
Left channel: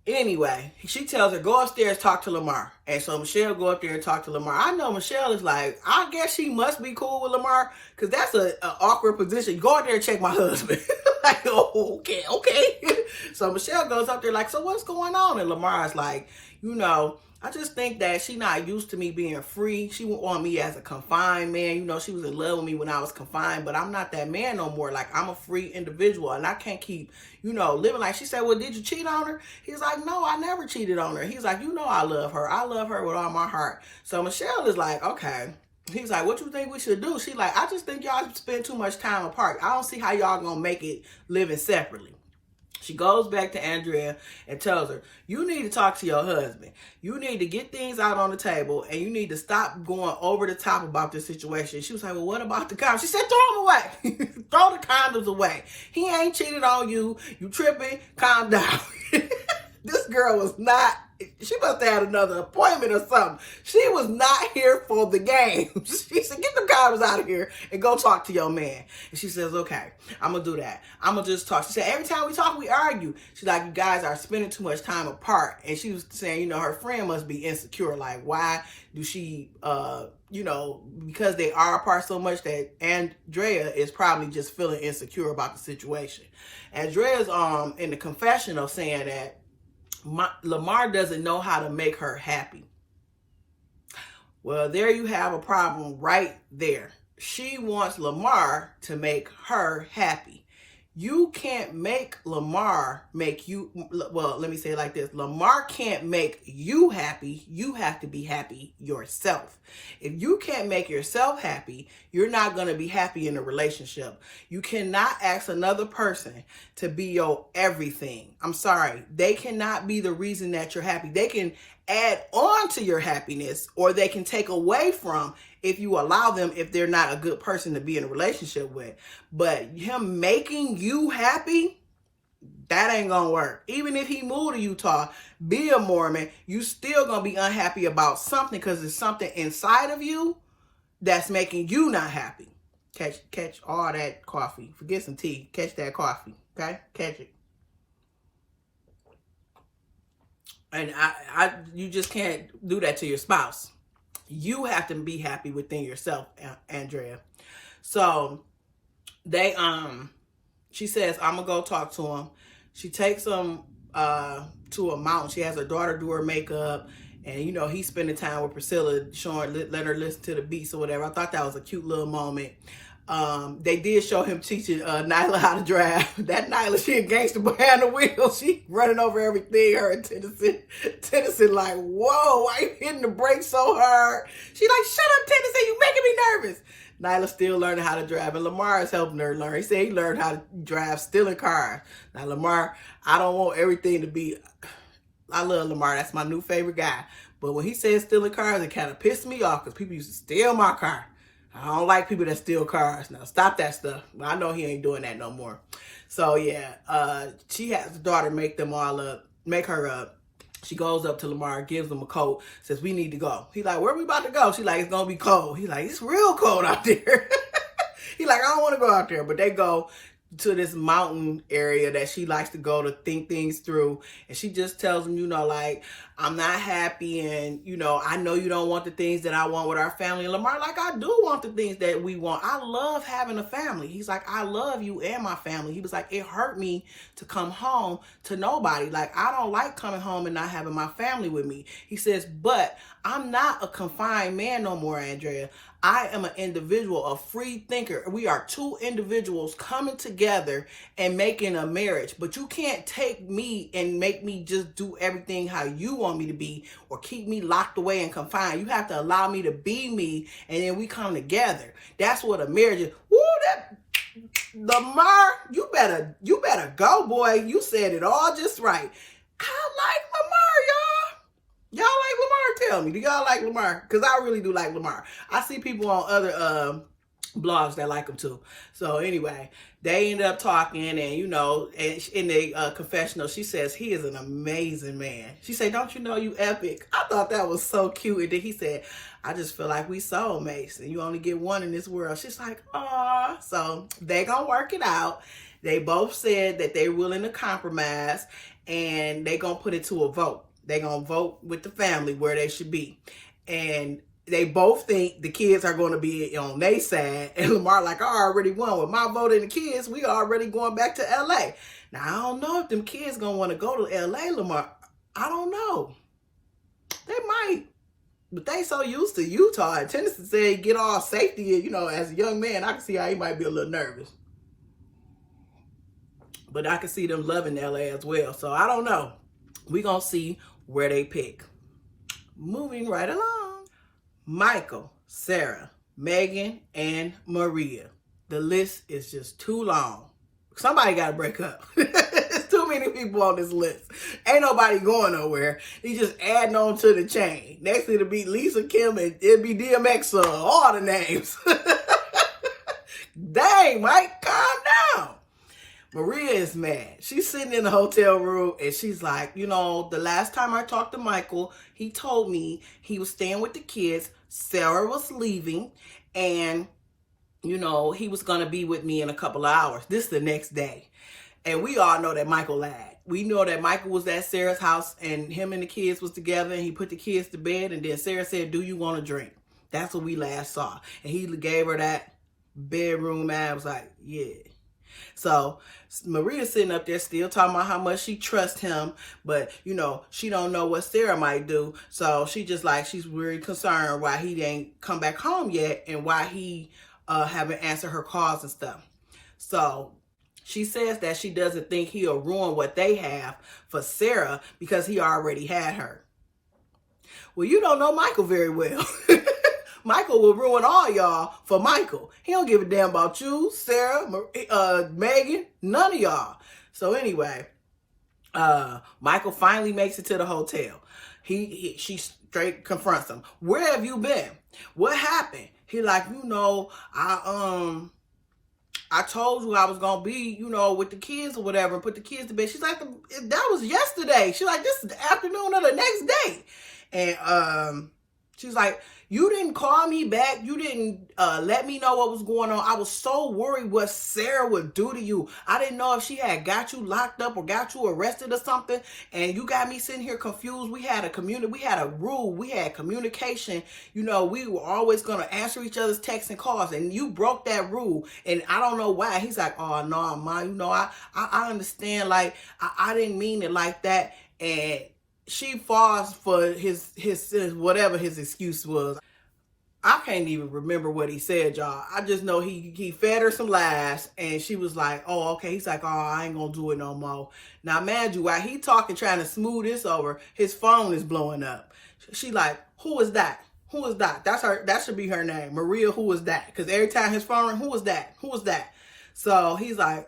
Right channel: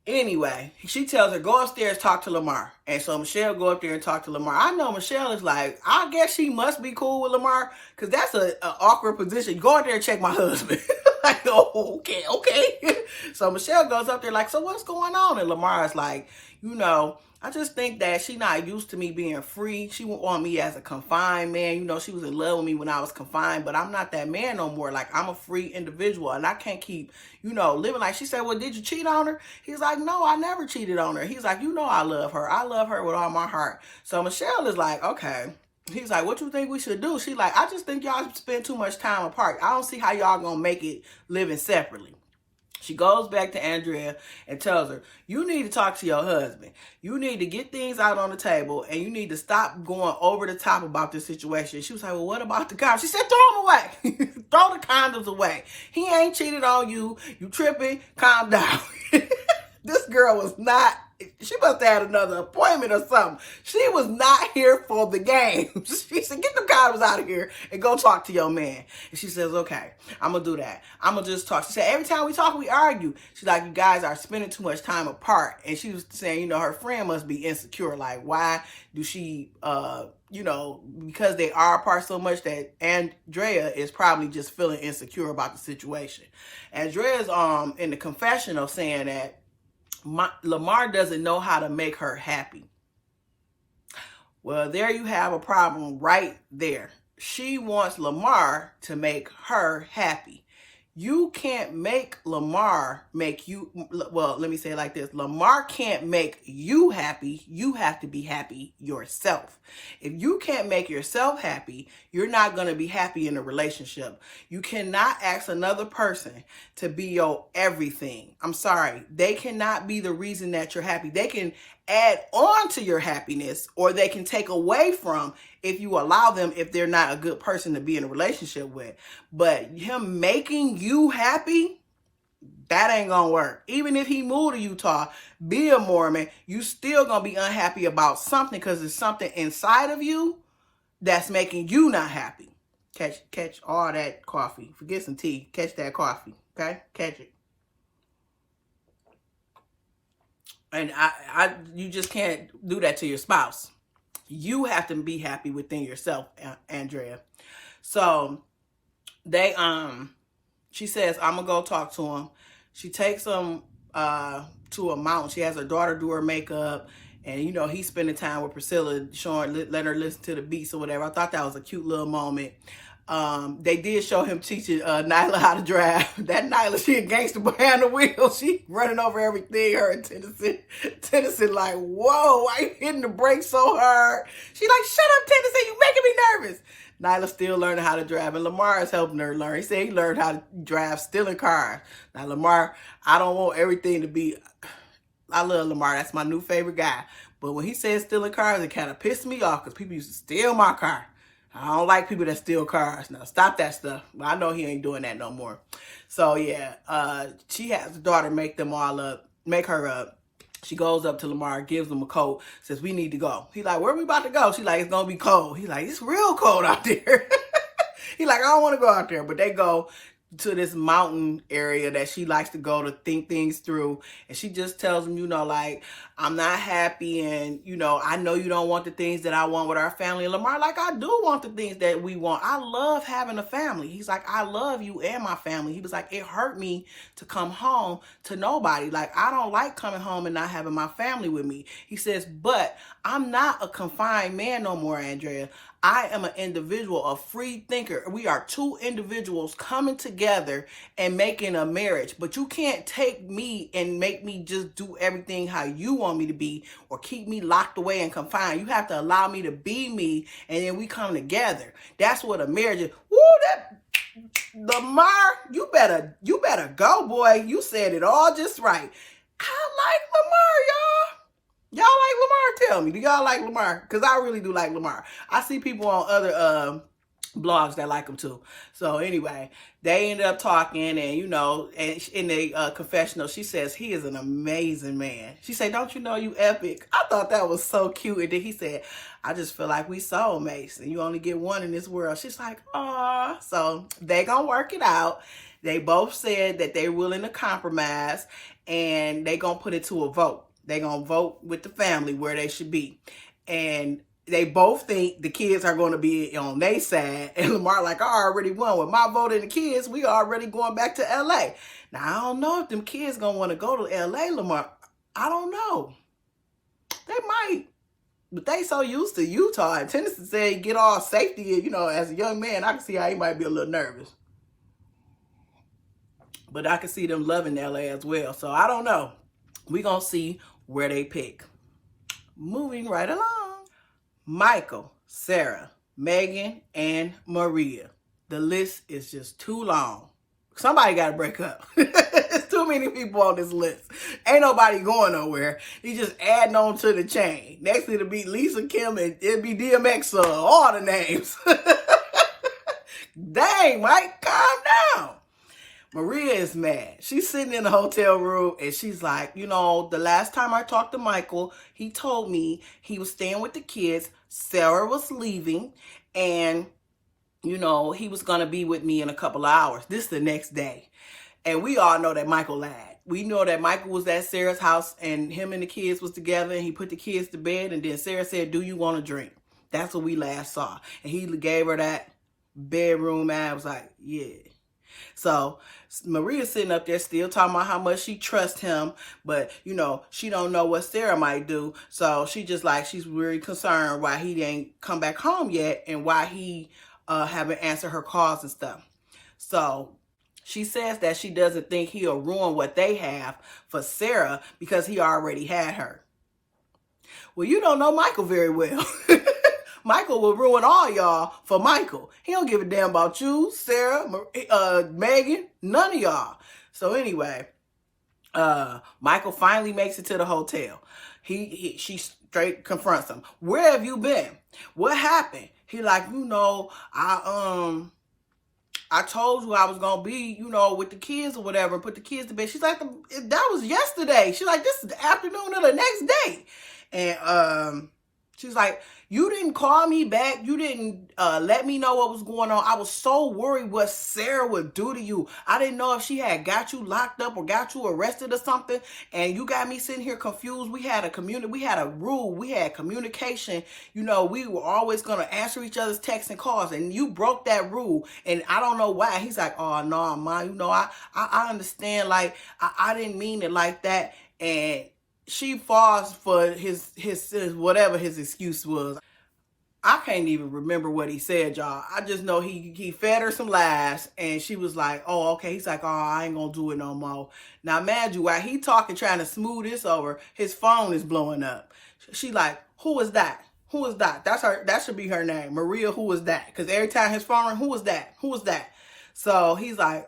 Anyway, she tells her, go upstairs, talk to Lamar. And so Michelle go up there and talk to Lamar. I know Michelle is like, I guess she must be cool with Lamar, because that's an awkward position. Go out there and check my husband. Like, oh, okay. So Michelle goes up there like, so what's going on? And Lamar is like, you know, I just think that she not used to me being free. She want me as a confined man. You know, she was in love with me when I was confined, but I'm not that man no more. Like, I'm a free individual, and I can't keep, you know, living like. She said, well, did you cheat on her? He's like, no, I never cheated on her. He's like, you know, I love her. I love her with all my heart. So Michelle is like, okay. He's like, what you think we should do? She's like, I just think y'all spend too much time apart. I don't see how y'all gonna make it living separately. She goes back to Andrea and tells her, you need to talk to your husband. You need to get things out on the table, and you need to stop going over the top about this situation. She was like, well, what about the condoms? She said, throw them away. Throw the condoms away. He ain't cheated on you. You tripping. Calm down. This girl was not, she must have had another appointment or something. She was not here for the game. She said, get the condoms out of here and go talk to your man. And she says, okay, I'm going to do that. I'm going to just talk. She said, every time we talk, we argue. She's like, you guys are spending too much time apart. And she was saying, you know, her friend must be insecure. Like, why do she, you know, because they are apart so much that Andrea is probably just feeling insecure about the situation. Andrea's in the confessional saying that Lamar doesn't know how to make her happy. Well, there you have a problem right there. She wants Lamar to make her happy. You can't make Lamar make you, well, let me say it like this. Lamar can't make you happy. You have to be happy yourself. If you can't make yourself happy, you're not going to be happy in a relationship. You cannot ask another person to be your everything. I'm sorry. They cannot be the reason that you're happy. They can add on to your happiness, or they can take away from if you allow them, if they're not a good person to be in a relationship with. But him making you happy, that ain't gonna work. Even if he moved to Utah, be a Mormon, you still gonna be unhappy about something, because there's something inside of you that's making you not happy. Catch all that coffee. Forget some tea. Catch that coffee. Okay? Catch it. And you just can't do that to your spouse. You have to be happy within yourself, Andrea. So she says, I'm gonna go talk to him. She takes him to a mountain. She has her daughter do her makeup, and you know, he's spending time with Priscilla, letting her listen to the beats or whatever. I thought that was a cute little moment. They did show him teaching Nyla how to drive. That Nyla, she a gangster behind the wheel. She running over everything. Her and Tennyson like, whoa, why you hitting the brakes so hard? She like, shut up, Tennyson, you making me nervous. Nyla still learning how to drive, and Lamar is helping her learn. He said he learned how to drive stealing cars. Now, Lamar, I don't want everything to be, I love Lamar. That's my new favorite guy. But when he says stealing cars, it kind of pissed me off, because people used to steal my car. I don't like people that steal cars. Now, stop that stuff. Well, I know he ain't doing that no more. So, yeah, she has the daughter make her up. She goes up to Lamar, gives him a coat, says, we need to go. He like, where we about to go? She like, it's going to be cold. He like, it's real cold out there. He like, I don't want to go out there. But they go to this mountain area that she likes to go to think things through. And she just tells him, you know, like, I'm not happy, and, you know, I know you don't want the things that I want with our family. And Lamar, like, I do want the things that we want. I love having a family. He's like, I love you and my family. He was like, it hurt me to come home to nobody. Like, I don't like coming home and not having my family with me. He says, but I'm not a confined man no more, Andrea. I am an individual, a free thinker. We are two individuals coming together and making a marriage. But you can't take me and make me just do everything how you want me to be, or keep me locked away and confined. You have to allow me to be me, and then we come together. That's what a marriage is. Woo, that Lamar, you better go, boy. You said it all just right. I like Lamar, y'all. Y'all like Lamar? Tell me, do y'all like Lamar? Because I really do like Lamar. I see people on other blogs that like him too. So anyway, they ended up talking, and you know, and in the confessional, she says he is an amazing man. She said, don't you know you epic? I thought that was so cute. And then he said, I just feel like we soulmates, and you only get one in this world. She's like, aw. So they gonna work it out. They both said that they're willing to compromise, and they gonna put it to a vote. They gonna vote with the family where they should be. And they both think the kids are going to be on their side. And Lamar like, I already won. With my vote and the kids, we already going back to L.A. Now, I don't know if them kids going to want to go to L.A., Lamar. I don't know. They might, but they so used to Utah. And Tennessee said get all safety. You know, as a young man, I can see how he might be a little nervous. But I can see them loving LA as well. So I don't know. We're going to see where they pick. Moving right along. Michael, Sarah, Megan, and Maria. The list is just too long. Somebody got to break up. There's too many people on this list. Ain't nobody going nowhere. He just adding on to the chain. Next it'll be Lisa, Kim, and it'll be DMX, all the names. Dang, Mike, calm down. Maria is mad. She's sitting in the hotel room and she's like, you know, the last time I talked to Michael, he told me he was staying with the kids. Sarah was leaving and, you know, he was going to be with me in a couple of hours. This is the next day. And we all know that Michael lied. We know that Michael was at Sarah's house and him and the kids was together and he put the kids to bed. And then Sarah said, do you want a drink? That's what we last saw. And he gave her that bedroom and I was like, yeah. So Maria's sitting up there still talking about how much she trusts him, but you know, she don't know what Sarah might do. So she just like, she's really concerned why he didn't come back home yet and why he haven't answered her calls and stuff. So she says that she doesn't think he'll ruin what they have for Sarah because he already had her. Well, you don't know Michael very well. Michael will ruin all y'all for Michael. He don't give a damn about you, Sarah, Megan, none of y'all. So anyway, Michael finally makes it to the hotel. She straight confronts him. Where have you been? What happened? He like, you know, I told you I was gonna be, you know, with the kids or whatever, and put the kids to bed. She's like, that was yesterday. She's like, this is the afternoon of the next day. And she's like, you didn't call me back. You didn't let me know what was going on. I was so worried what Sarah would do to you. I didn't know if she had got you locked up or got you arrested or something. And you got me sitting here confused. We had a rule. We had communication. You know, we were always going to answer each other's texts and calls. And you broke that rule. And I don't know why. He's like, oh, no, Ma, you know, I understand. Like, I didn't mean it like that. And she falls for his whatever his excuse was. I can't even remember what he said, y'all. I just know he fed her some lies and she was like, oh, okay. He's like, oh, I ain't gonna do it no more. Now, imagine you, while he talking, trying to smooth this over, his phone is blowing up. She like, who is that? Who is that? That's her. That should be her name. Maria, who is that? Because every time his phone rang, who is that? Who is that? So he's like,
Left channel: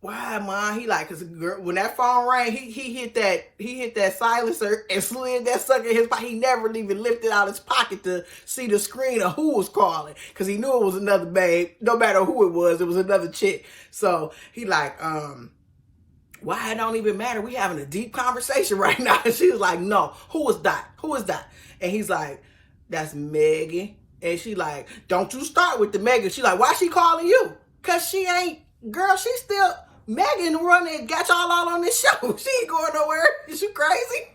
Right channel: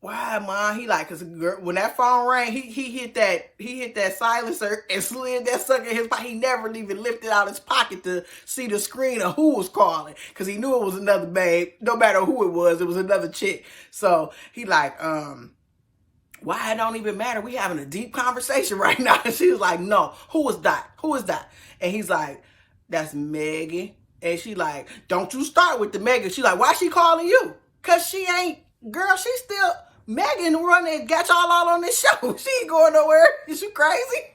why, Mom? He like, cause when that phone rang, he hit that silencer and slid that sucker in his pocket. He never even lifted out his pocket to see the screen of who was calling, cause he knew it was another babe. No matter who it was another chick. So he like, why? It don't even matter. We having a deep conversation right now. And she was like, no, who is that? Who is that? And he's like, that's Megan. And she like, don't you start with the Megan. She like, why she calling you? Cause she ain't, girl, she still, Megan running got y'all all on this show. She ain't going nowhere. Is she crazy?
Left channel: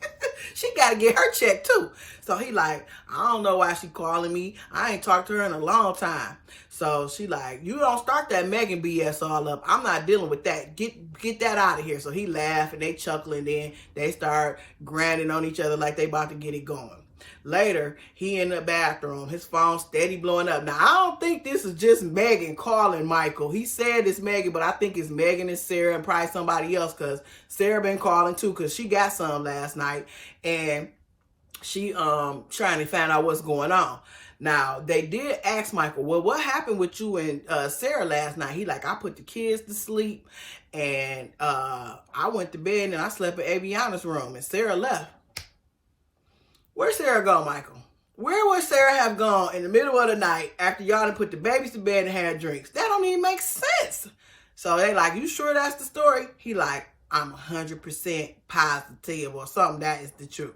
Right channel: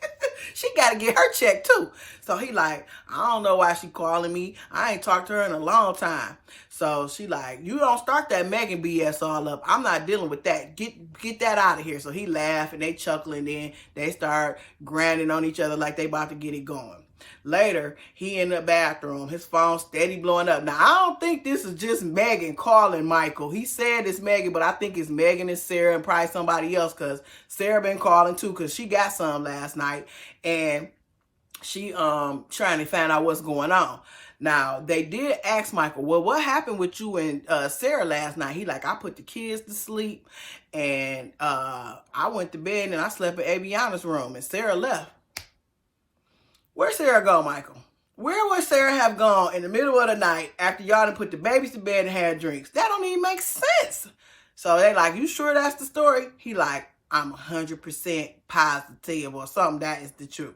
She got to get her check too. So he like, I don't know why she calling me. I ain't talked to her in a long time. So she like, you don't start that Megan BS all up. I'm not dealing with that. Get that out of here. So he laughed and they chuckling. Then they start grinding on each other like they about to get it going. Later, he in the bathroom, his phone steady blowing up. Now, I don't think this is just Megan calling Michael. He said it's Megan, but I think it's Megan and Sarah and probably somebody else because Sarah been calling too because she got some last night and she trying to find out what's going on. Now, they did ask Michael, well, what happened with you and Sarah last night? He like, I put the kids to sleep and I went to bed and I slept in Aviana's room and Sarah left. Where'd Sarah go, Michael? Where would Sarah have gone in the middle of the night after y'all done put the babies to bed and had drinks? That don't even make sense. So they like, you sure that's the story? He like, I'm 100% positive or something. That is the truth.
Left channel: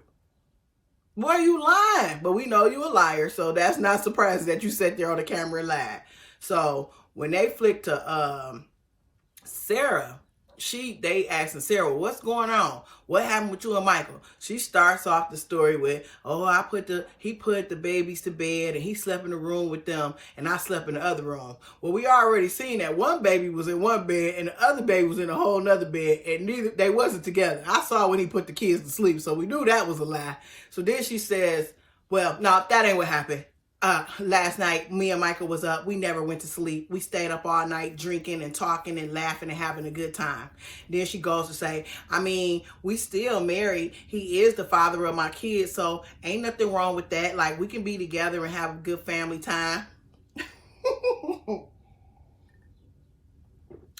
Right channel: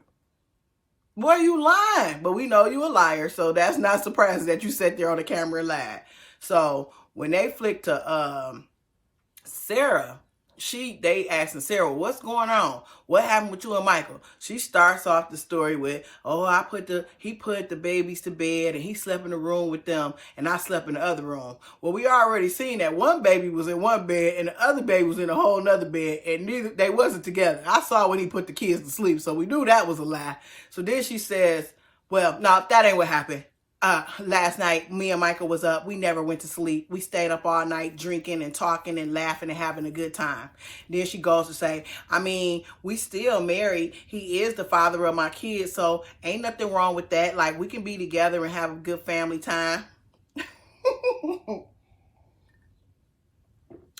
Boy, you lying. But we know you a liar. So that's not surprising that you sat there on the camera and lied. So when they flicked to Sarah, they asking Sarah, what's going on? What happened with you and Michael? She starts off the story with, oh, he put the babies to bed and he slept in the room with them and I slept in the other room. Well, we already seen that one baby was in one bed and the other baby was in a whole nother bed, and they wasn't together. I saw when he put the kids to sleep, so we knew that was a lie. So then she says, well, no, that ain't what happened. Last night, me and Michael was up. We never went to sleep. We stayed up all night drinking and talking and laughing and having a good time. Then she goes to say, I mean, we still married. He is the father of my kids, so ain't nothing wrong with that. Like, we can be together and have a good family time.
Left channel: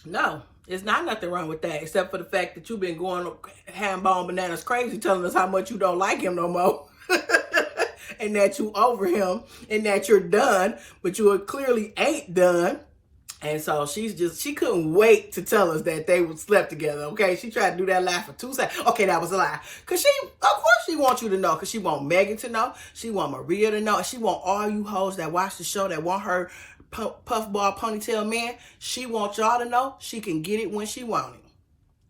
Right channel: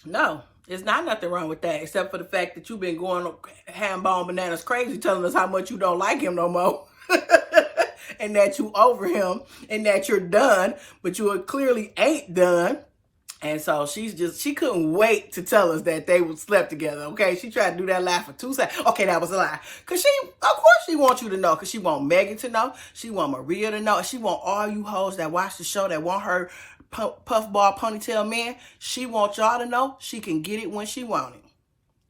No, it's not nothing wrong with that, except for the fact that you've been going ham-bone bananas crazy telling us how much you don't like him no more. And that you over him and that you're done, but you clearly ain't done. And so she couldn't wait to tell us that they would slept together. Okay. She tried to do that lie for 2 seconds. Okay. That was a lie. Cause of course she wants you to know, cause she want Megan to know. She want Maria to know. She want all you hoes that watch the show that want her puffball ponytail man. She wants y'all to know she can get it when she want it.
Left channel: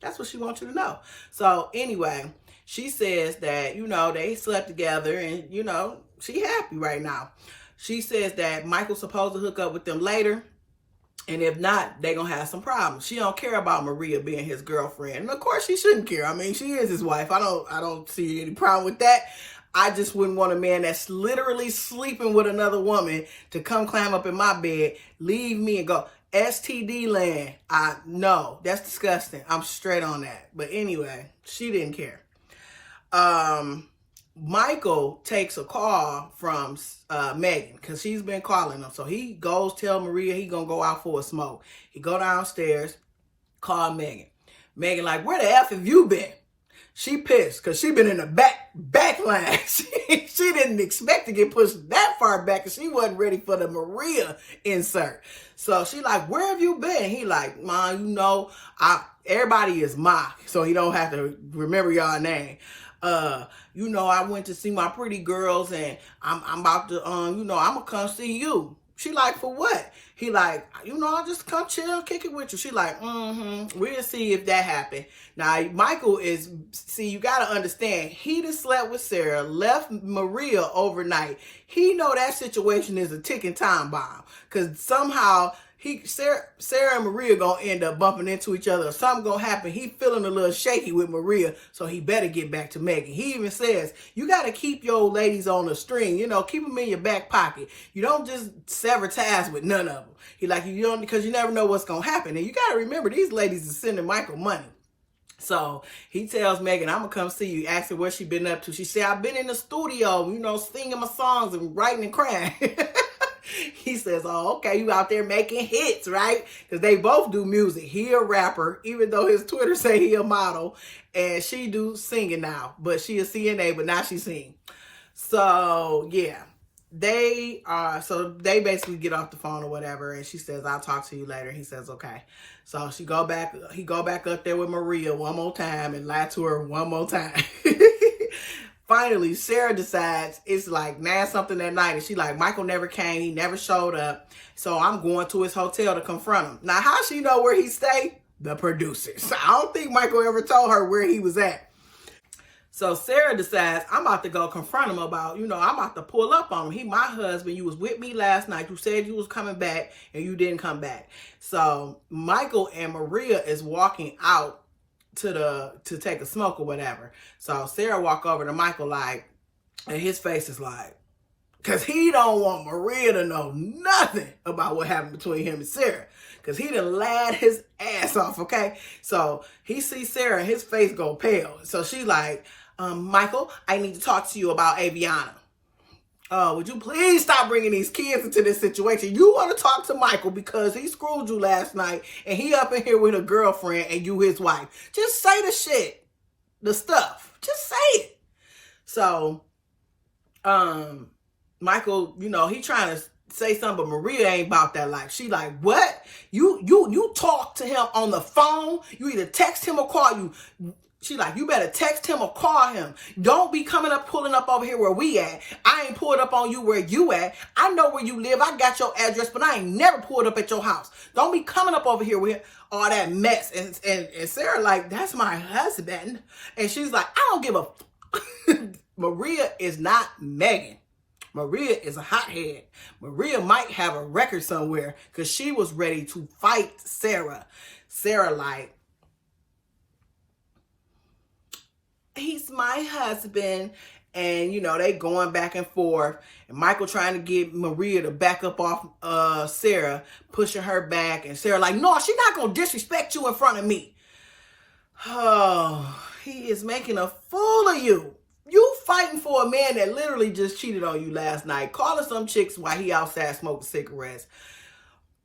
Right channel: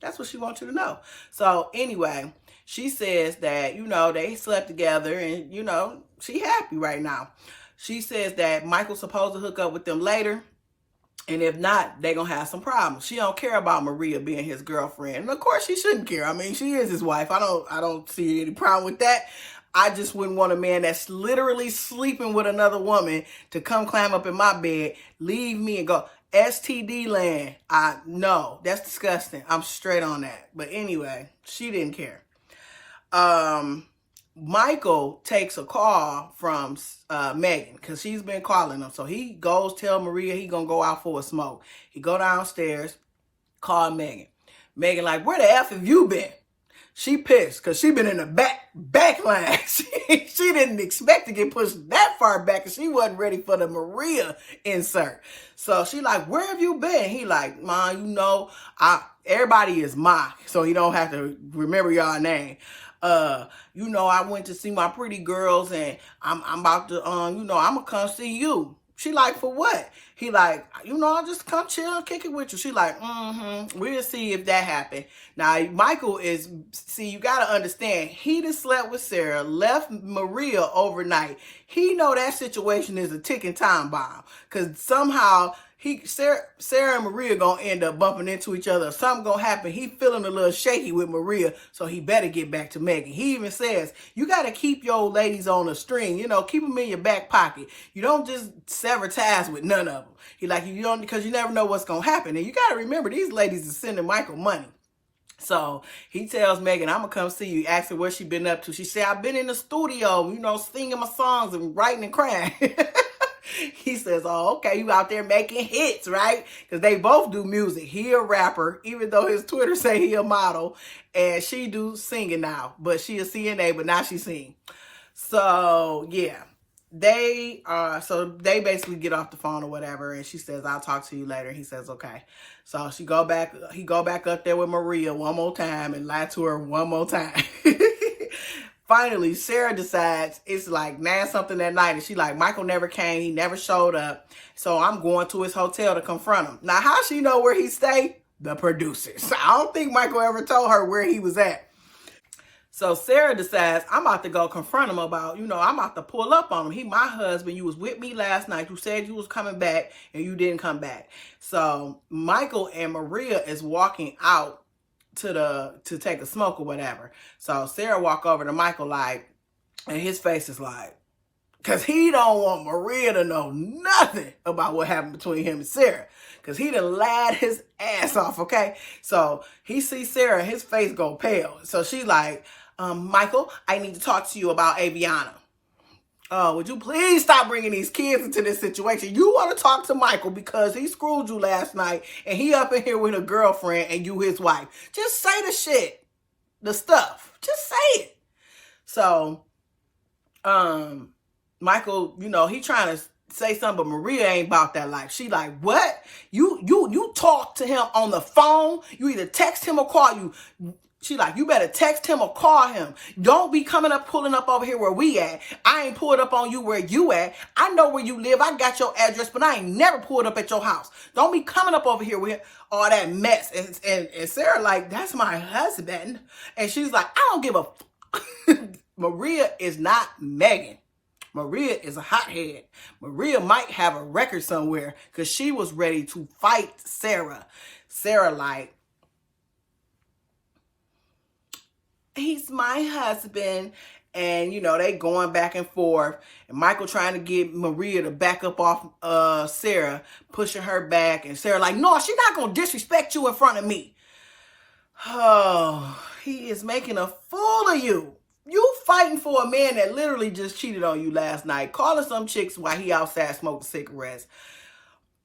That's what she wants you to know. So anyway, she says that, they slept together and, she happy right now. She says that Michael's supposed to hook up with them later. And if not, they're going to have some problems. She don't care about Maria being his girlfriend. And of course she shouldn't care. I mean, she is his wife. I don't see any problem with that. I just wouldn't want a man that's literally sleeping with another woman to come climb up in my bed, leave me and go, STD land. No, that's disgusting. I'm straight on that. But anyway, she didn't care. Michael takes a call from Megan because she's been calling him. So he goes tell Maria he gonna go out for a smoke. He go downstairs, call Megan. Megan like, where the F have you been? She pissed because she been in the back line. She didn't expect to get pushed that far back because she wasn't ready for the Maria insert. So she like, where have you been? He like, Mom, everybody is Ma, so you don't have to remember y'all name. I went to see my pretty girls and I'm about to, I'm gonna come see you. She like, for what? He like, I'll just come chill and kick it with you. She like, we'll see if that happened. Now, Michael you gotta understand, he done slept with Sarah, left Maria overnight. He know that situation is a ticking time bomb. Cause somehow Sarah and Maria gonna end up bumping into each other. Something gonna happen. He feeling a little shaky with Maria, so he better get back to Megan. He even says, you gotta keep your old ladies on a string, keep them in your back pocket. You don't just sever ties with none of them. He like, you don't, because you never know what's gonna happen. And you gotta remember, these ladies are sending Michael money. So he tells Megan, I'm gonna come see you. Ask her what she been up to. She said, I've been in the studio, singing my songs and writing and crying. He says, oh, okay, you out there making hits, right? Because they both do music. He a rapper, even though his Twitter say he a model. And she do singing now. But she a CNA, but now she sing. So, yeah. They basically get off the phone or whatever. And she says, I'll talk to you later. He says, okay. So he go back up there with Maria one more time and lie to her one more time. Finally, Sarah decides it's like 9-something at night. And she like, Michael never came. He never showed up. So I'm going to his hotel to confront him. Now, how she know where he stay? The producers. I don't think Michael ever told her where he was at. So Sarah decides, I'm about to go confront him about, I'm about to pull up on him. He my husband. You was with me last night. You said you was coming back and you didn't come back. So Michael and Maria is walking out to take a smoke or whatever. So Sarah walk over to Michael like, and his face is like, because he don't want Maria to know nothing about what happened between him and Sarah. Because he done lied his ass off, okay? So he sees Sarah and his face go pale. So she's like, Michael, I need to talk to you about Aviana. Would you please stop bringing these kids into this situation? You want to talk to Michael because he screwed you last night and he up in here with a girlfriend and you his wife. Just say the shit, the stuff. Just say it. So, Michael, he trying to say something, but Maria ain't about that life. She like, what? You talk to him on the phone. You either text him or call you. She like, you better text him or call him. Don't be pulling up over here where we at. I ain't pulled up on you where you at. I know where you live. I got your address, but I ain't never pulled up at your house. Don't be coming up over here with him. all that mess. And Sarah like, that's my husband. And she's like, I don't give a Maria is not Megan. Maria is a hothead. Maria might have a record somewhere because she was ready to fight Sarah. Sarah like, he's my husband. And, you know, they going back and forth. And Michael trying to get Maria to back up off Sarah, pushing her back. And Sarah like, no, she's not going to disrespect you in front of me. Oh, he is making a fool of you. You fighting for a man that literally just cheated on you last night, calling some chicks while he outside smoking cigarettes.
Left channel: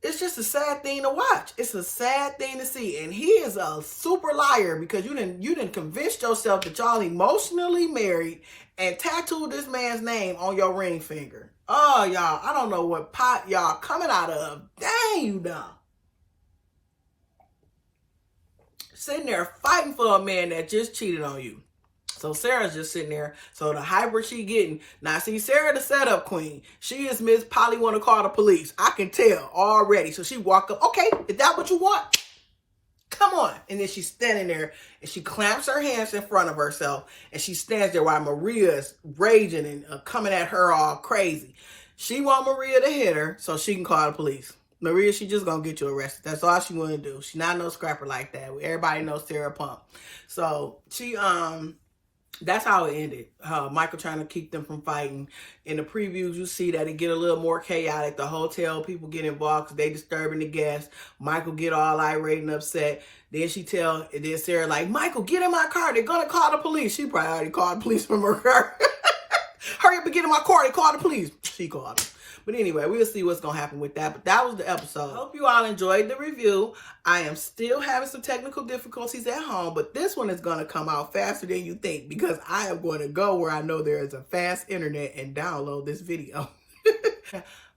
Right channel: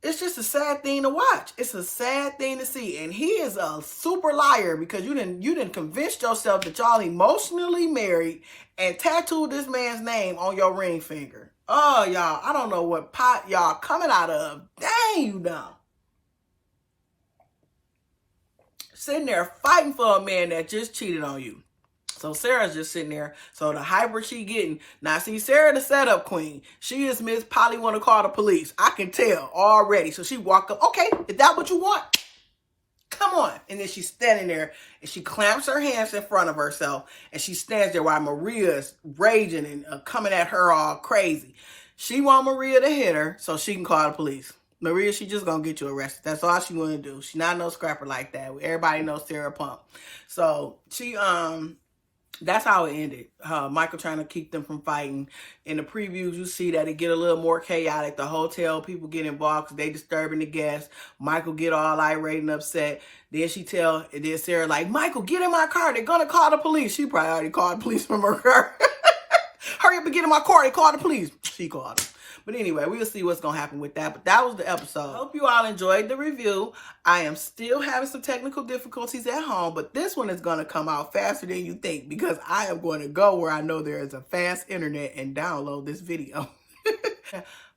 It's just a sad thing to watch. It's a sad thing to see. And he is a super liar because you didn't convince yourself that y'all emotionally married and tattooed this man's name on your ring finger. Oh, y'all, I don't know what pot y'all coming out of. Dang, you dumb. Sitting there fighting for a man that just cheated on you. So Sarah's just sitting there. So the hyper she getting. Now, see, Sarah the setup queen. She is Miss Polly want to call the police. I can tell already. So she walk up. Okay, is that what you want? Come on. And then she's standing there and she clamps her hands in front of herself. And she stands there while Maria is raging and coming at her all crazy. She want Maria to hit her so she can call the police. Maria, she just gonna get you arrested. That's all she want to do. She not no scrapper like that. Everybody knows Sarah Pump. So she that's how it ended. Michael trying to keep them from fighting. In the previews, you see that it get a little more chaotic. The hotel people get involved because they disturbing the guests. Michael get all irate and upset. Then then Sarah like, Michael, get in my car. They're going to call the police. She probably already called the police from her car. Hurry up and get in my car. They called the police. She called them. But anyway, we'll see what's going to happen with that. But that was the episode. Hope you all enjoyed the review. I am still having some technical difficulties at home, but this one is going to come out faster than you think because I am going to go where I know there is a fast internet and download this video.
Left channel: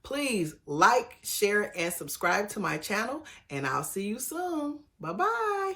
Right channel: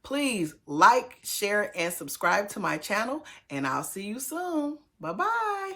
Please like, share, and subscribe to my channel, and I'll see you soon. Bye-bye.